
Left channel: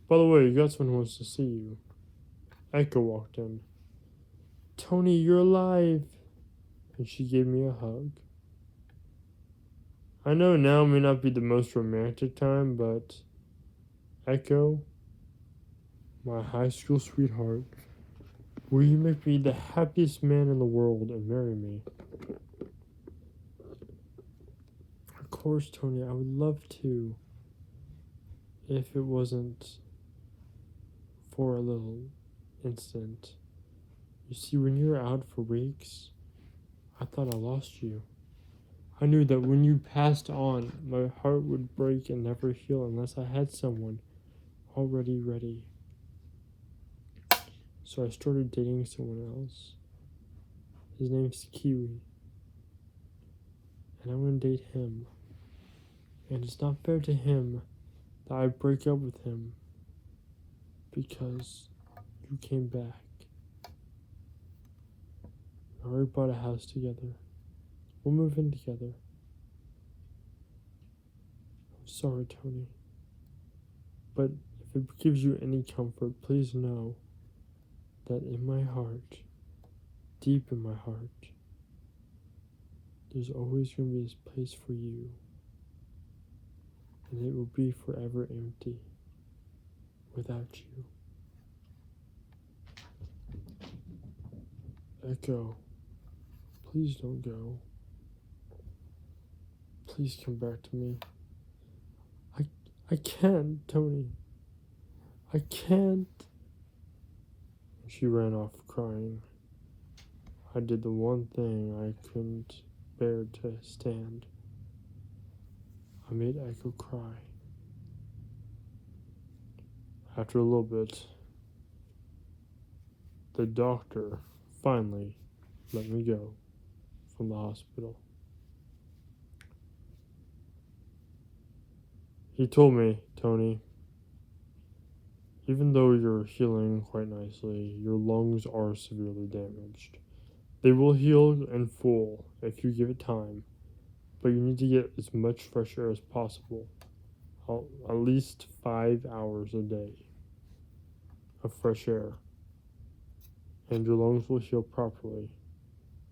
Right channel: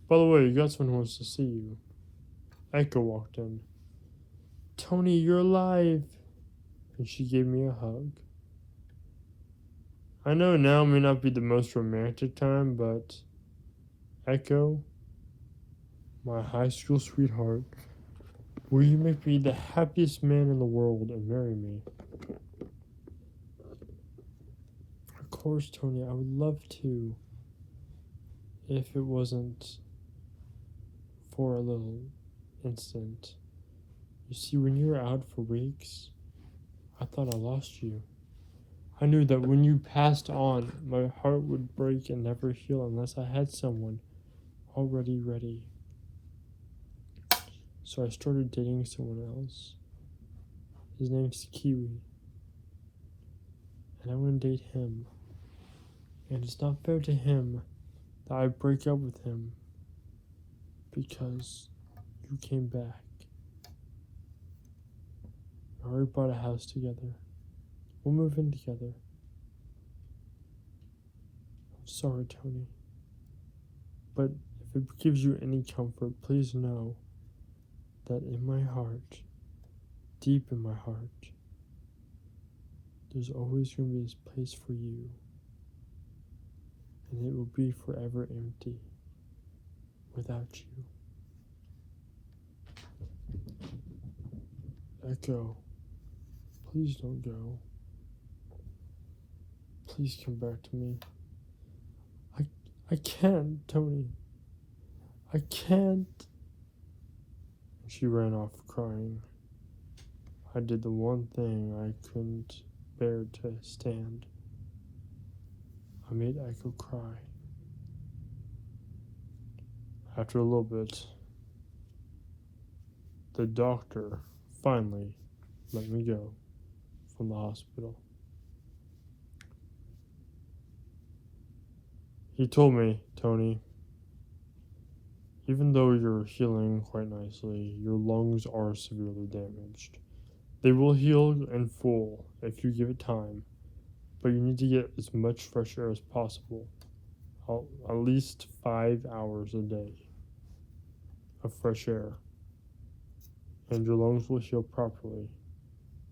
By the way, you got someone who wants to see you. Echo walked in. Tony, you're alive! And she gave me a hug. I know now may not be the most romantic time, but Echo, my high school sweetheart, will you make me the happiest man in the world and marry me? Of course, Tony, I would love to. If it wasn't for a little instant. You see, when you were out for weeks, I thought I lost you. I knew that when you passed on, my heart would break and never heal unless I had someone already ready. So I started dating someone else. His name's Kiwi. And I want to date him. And it's not fair to him that I break up with him because you came back. We already bought a house together. We'll move in together. I'm sorry, Tony. But if it gives you any comfort, please know that in my heart, deep in my heart, there's always going to be this place for you. And it will be forever empty without you. Echo, please don't go. Please come back to me. I can't, Tony. I can't. She ran off crying. I did the one thing I couldn't bear to stand. I made Echo cry. After a little bit, the doctor finally let me go from the hospital. He told me, Tony, even though you're healing quite nicely, your lungs are severely damaged. They will heal in full if you give it time, but you need to get as much fresh air as possible, at least 5 hours a day of fresh air, and your lungs will heal properly.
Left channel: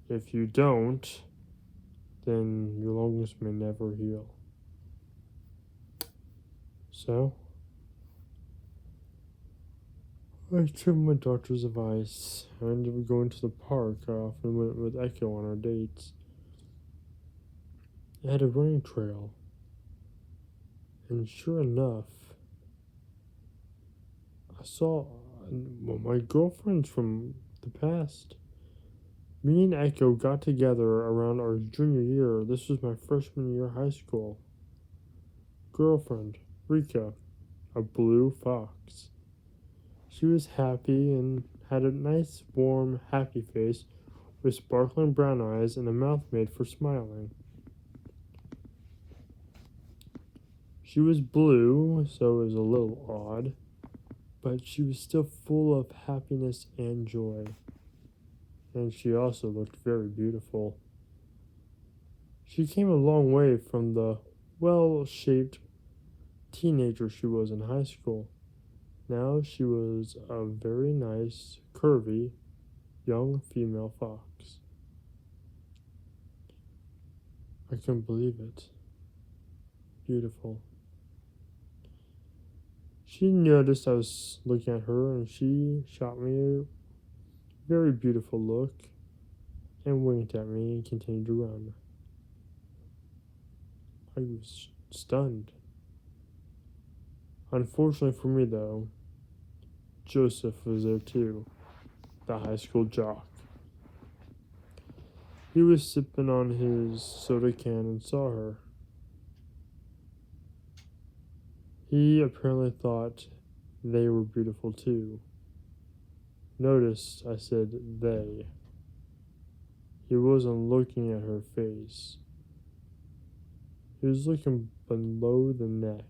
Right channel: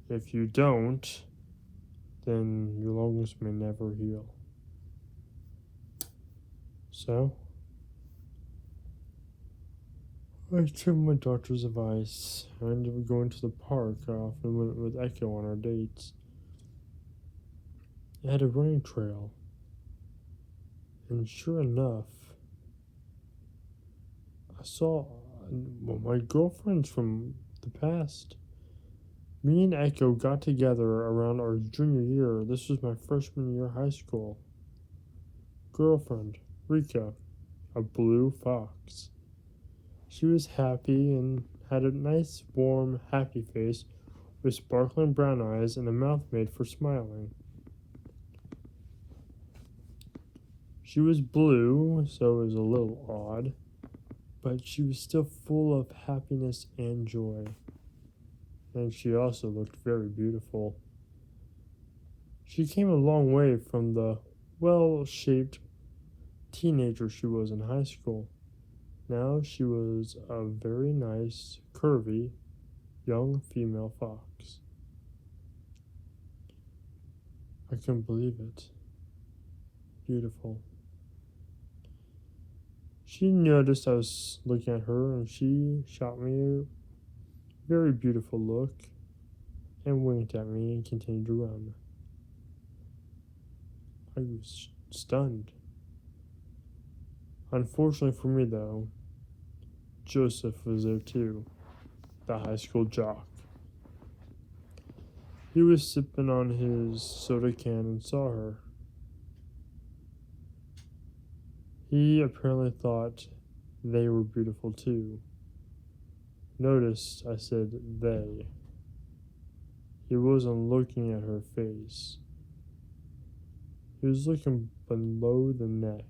If you don't, then your lungs may never heal. So, I took my doctor's advice. I ended up going to the park. I often went with Echo on our dates. It had a running trail. And sure enough, I saw my girlfriends from the past. Me and Echo got together around our junior year. This was my freshman year of high school. Girlfriend, Rika, a blue fox. She was happy and had a nice, warm, happy face with sparkling brown eyes and a mouth made for smiling. She was blue, so it was a little odd, but she was still full of happiness and joy. And she also looked very beautiful. She came a long way from the well-shaped teenager she was in high school. Now she was a very nice, curvy, young female fox. I couldn't believe it. Beautiful. She noticed I was looking at her, and she shot me a very beautiful look and winked at me and continued to run. I was stunned. Unfortunately for me, though, Joseph was there too. the high school jock. He was sipping on his soda can and saw her. He apparently thought they were beautiful too. Notice I said they. He wasn't looking at her face. He was looking below the neck.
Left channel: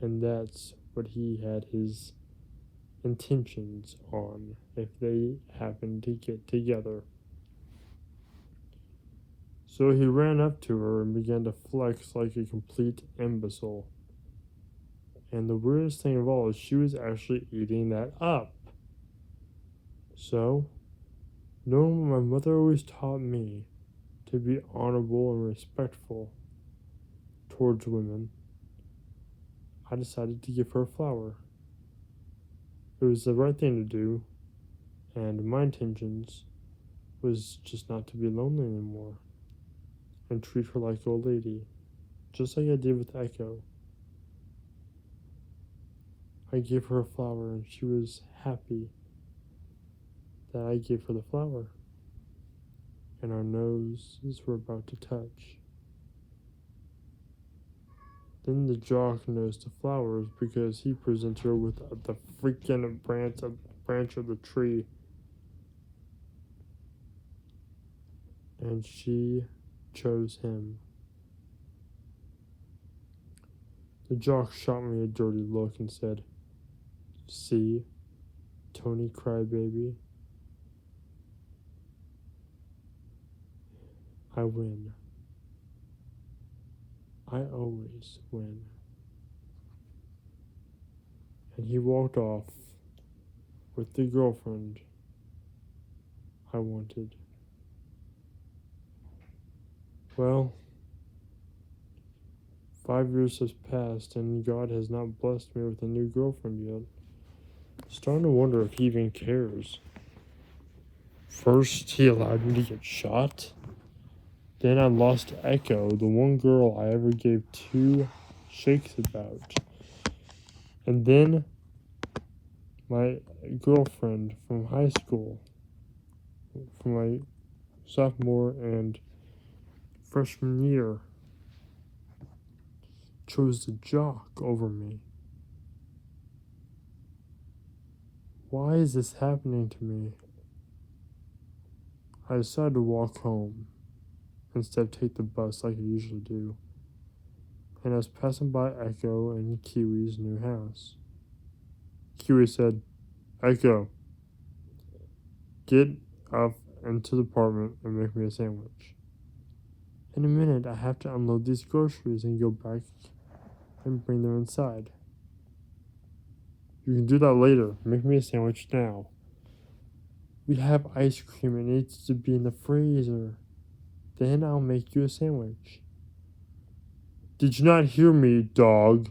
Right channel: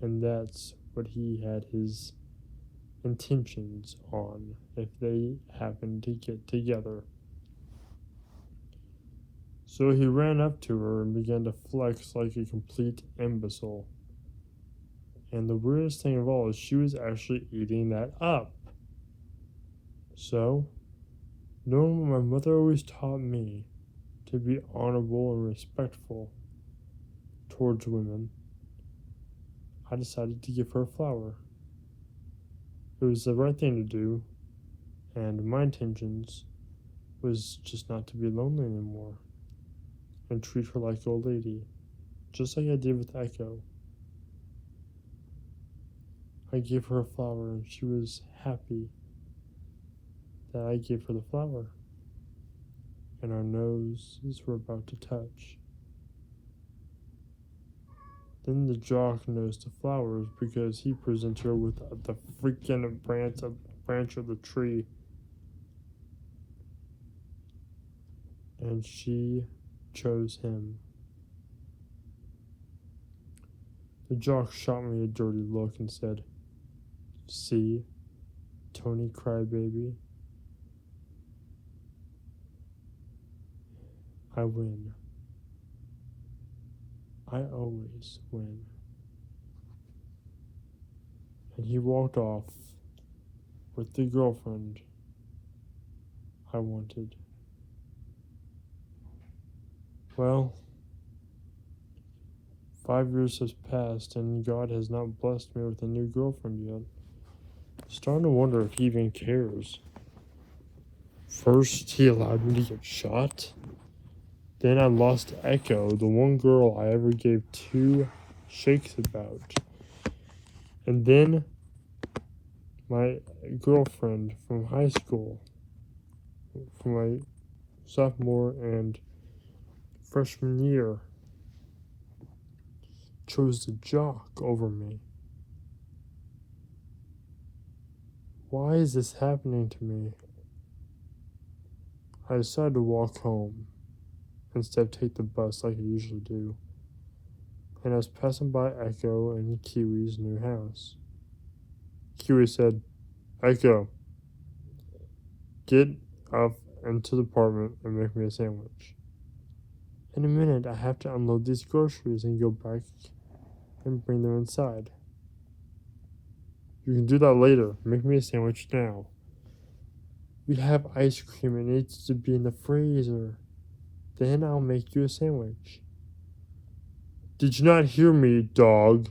And that's what he had his intentions on if they happened to get together. So he ran up to her and began to flex like a complete imbecile. And the weirdest thing of all is she was actually eating that up. So, knowing what my mother always taught me to be honorable and respectful towards women, I decided to give her a flower. It was the right thing to do, and my intentions was just not to be lonely anymore and treat her like an old lady, just like I did with Echo. I gave her a flower and she was happy that I gave her the flower, and our noses were about to touch. Then the jock noticed the flowers because he presented her with the freaking branch of the tree. And she chose him. The jock shot me a dirty look and said, "See, Tony Crybaby, I win. I always win." And he walked off with the girlfriend I wanted. Well, 5 years has passed and God has not blessed me with a new girlfriend yet. I'm starting to wonder if he even cares. First, he allowed me to get shot. Then I lost Echo, the one girl I ever gave 2 shakes about. And then my girlfriend from high school, from my sophomore and freshman year, chose the jock over me. Why is this happening to me? I decided to walk home instead of take the bus like I usually do. And I was passing by Echo and Kiwi's new house. Kiwi said, "Echo, get up into the apartment and make me a sandwich. In a minute, I have to unload these groceries and go back and bring them inside." "You can do that later. Make me a sandwich now." "We have ice cream. It needs to be in the freezer. Then I'll make you a sandwich." "Did you not hear me, dog?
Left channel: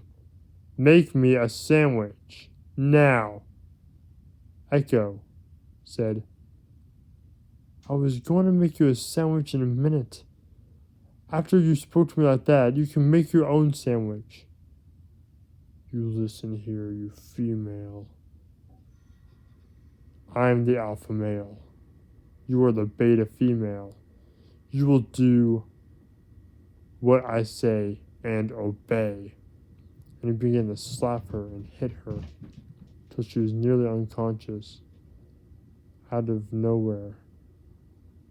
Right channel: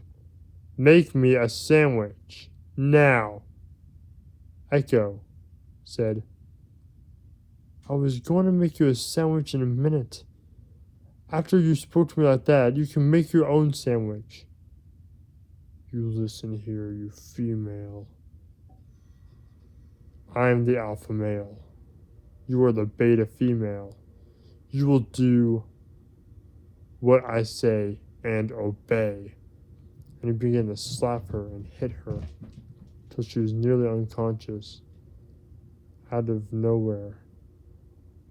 Make me a sandwich. Now." Echo said, "I was going to make you a sandwich in a minute. After you spoke to me like that, you can make your own sandwich." "You listen here, you female. I am the alpha male. You are the beta female. You will do what I say and obey." And he began to slap her and hit her till she was nearly unconscious. Out of nowhere,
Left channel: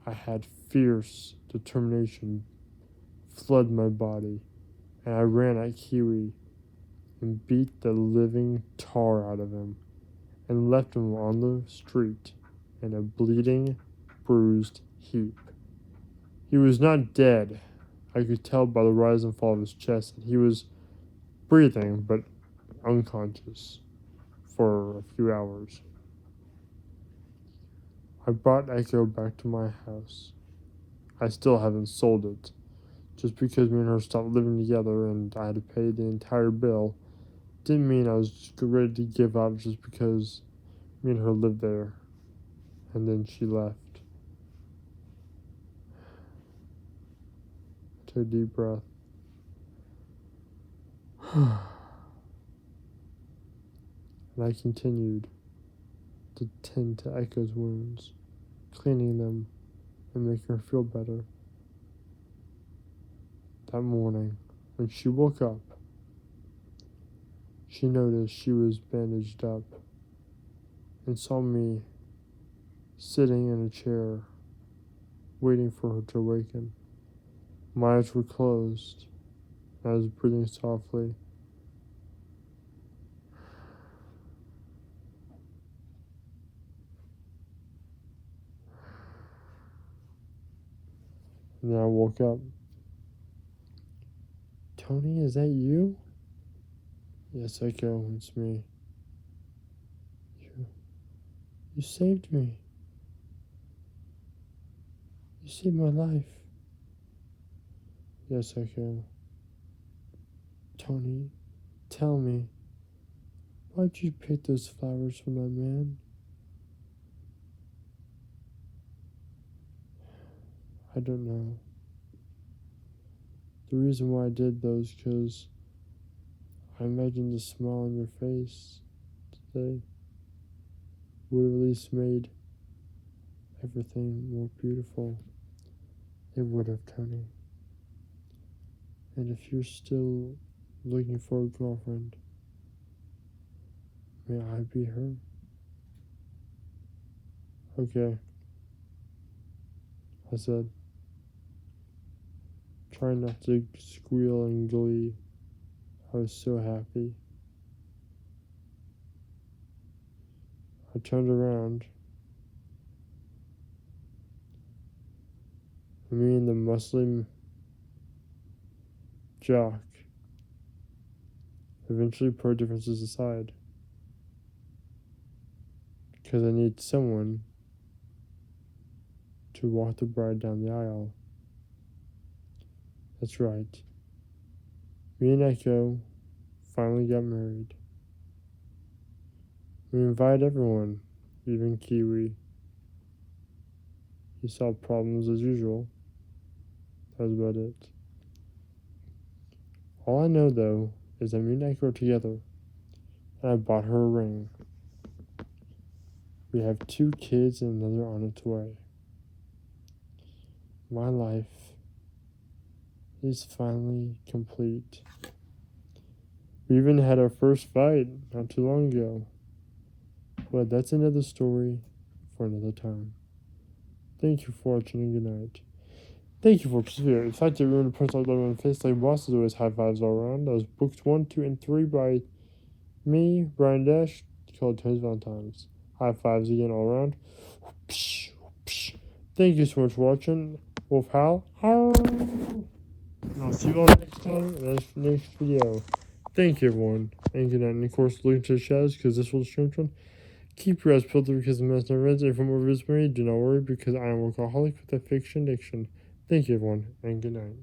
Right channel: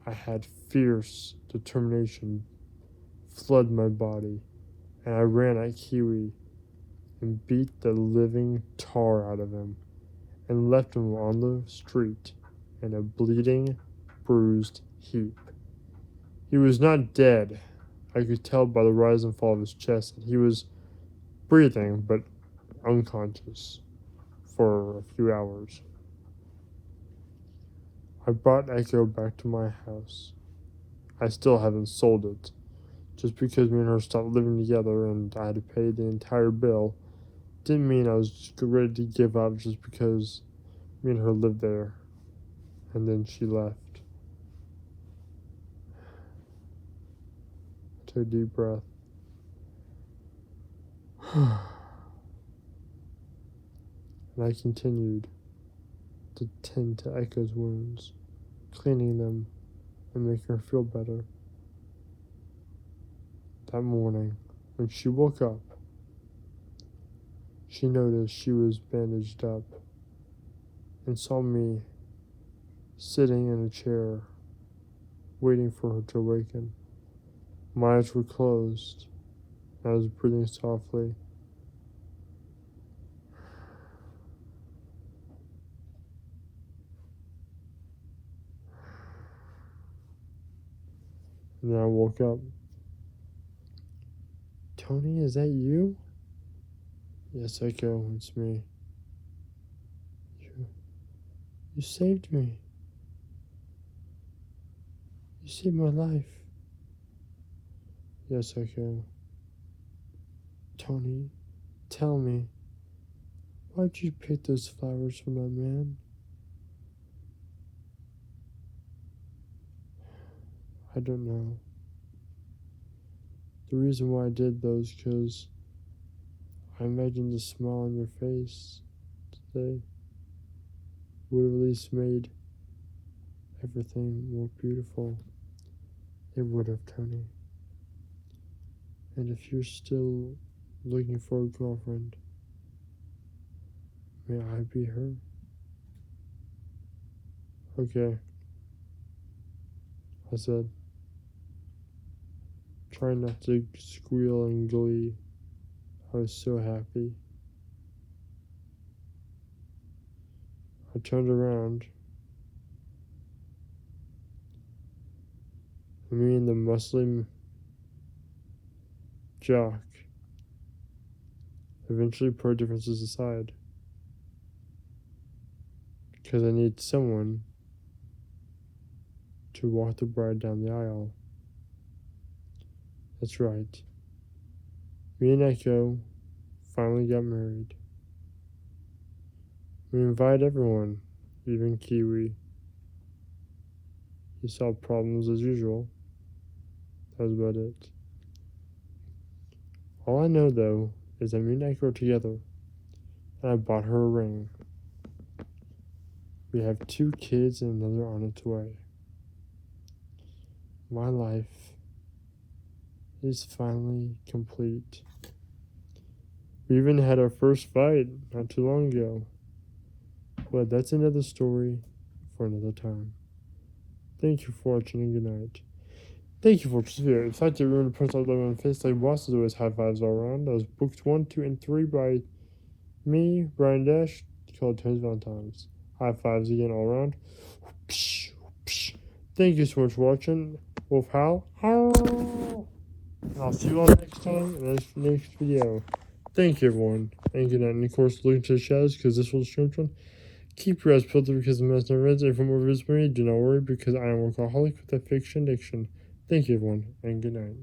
I had fierce determination flood my body, and I ran at Kiwi and beat the living tar out of him and left him on the street in a bleeding, bruised heap. He was not dead. I could tell by the rise and fall of his chest that he was breathing but unconscious for a few hours. I brought Echo back to my house. I still haven't sold it. Just because me and her stopped living together and I had to pay the entire bill didn't mean I was just ready to give up just because me and her lived there. And then she left. I took a deep breath. And I continued to tend to Echo's wounds, cleaning them and making her feel better. That morning, when she woke up, she noticed she was bandaged up and saw me sitting in a chair, waiting for her to awaken. My eyes were closed, and I was breathing softly. And then I woke up. Tony, is that you? Yes, Echo, it's me. You saved me. You saved my life. Yes, Echo. Tony, tell me, why'd you pick those flowers from that man? I don't know. The reason why I did those, because I imagined the smile on your face today would have at least made everything more beautiful. It would have, Tony. And if you're still looking for a girlfriend, may I be her? Okay, I said, trying not to squeal in glee. I was so happy. I turned around, and me and the Muslim jock eventually put our differences aside, because I need someone to walk the bride down the aisle. That's right. Me and Echo finally got married. We invited everyone, even Kiwi. He saw problems as usual. That was about it. All I know, though, is that me and Echo are together, and I bought her a ring. We have 2 kids and another on its way. My life is finally complete. We even had our first fight not too long ago. But that's another story for another time. Thank you for watching and good night. Thank you for participating. In fact, I remember to press like button on the face like bosses always high fives all around. That was books 1, 2, and 3 by me, Brian Dash, called Tony's Valentine's. High fives again all around. Thank you so much for watching. Wolf Howl. I'll see you all next time in the next video. Thank you, everyone. And good night. And of course, look into the shadows because this will stream from. Keep your eyes peeled because the mess never ends. And for more videos from me, do not worry because I am a workaholic with a fiction addiction. Thank you, everyone, and good night.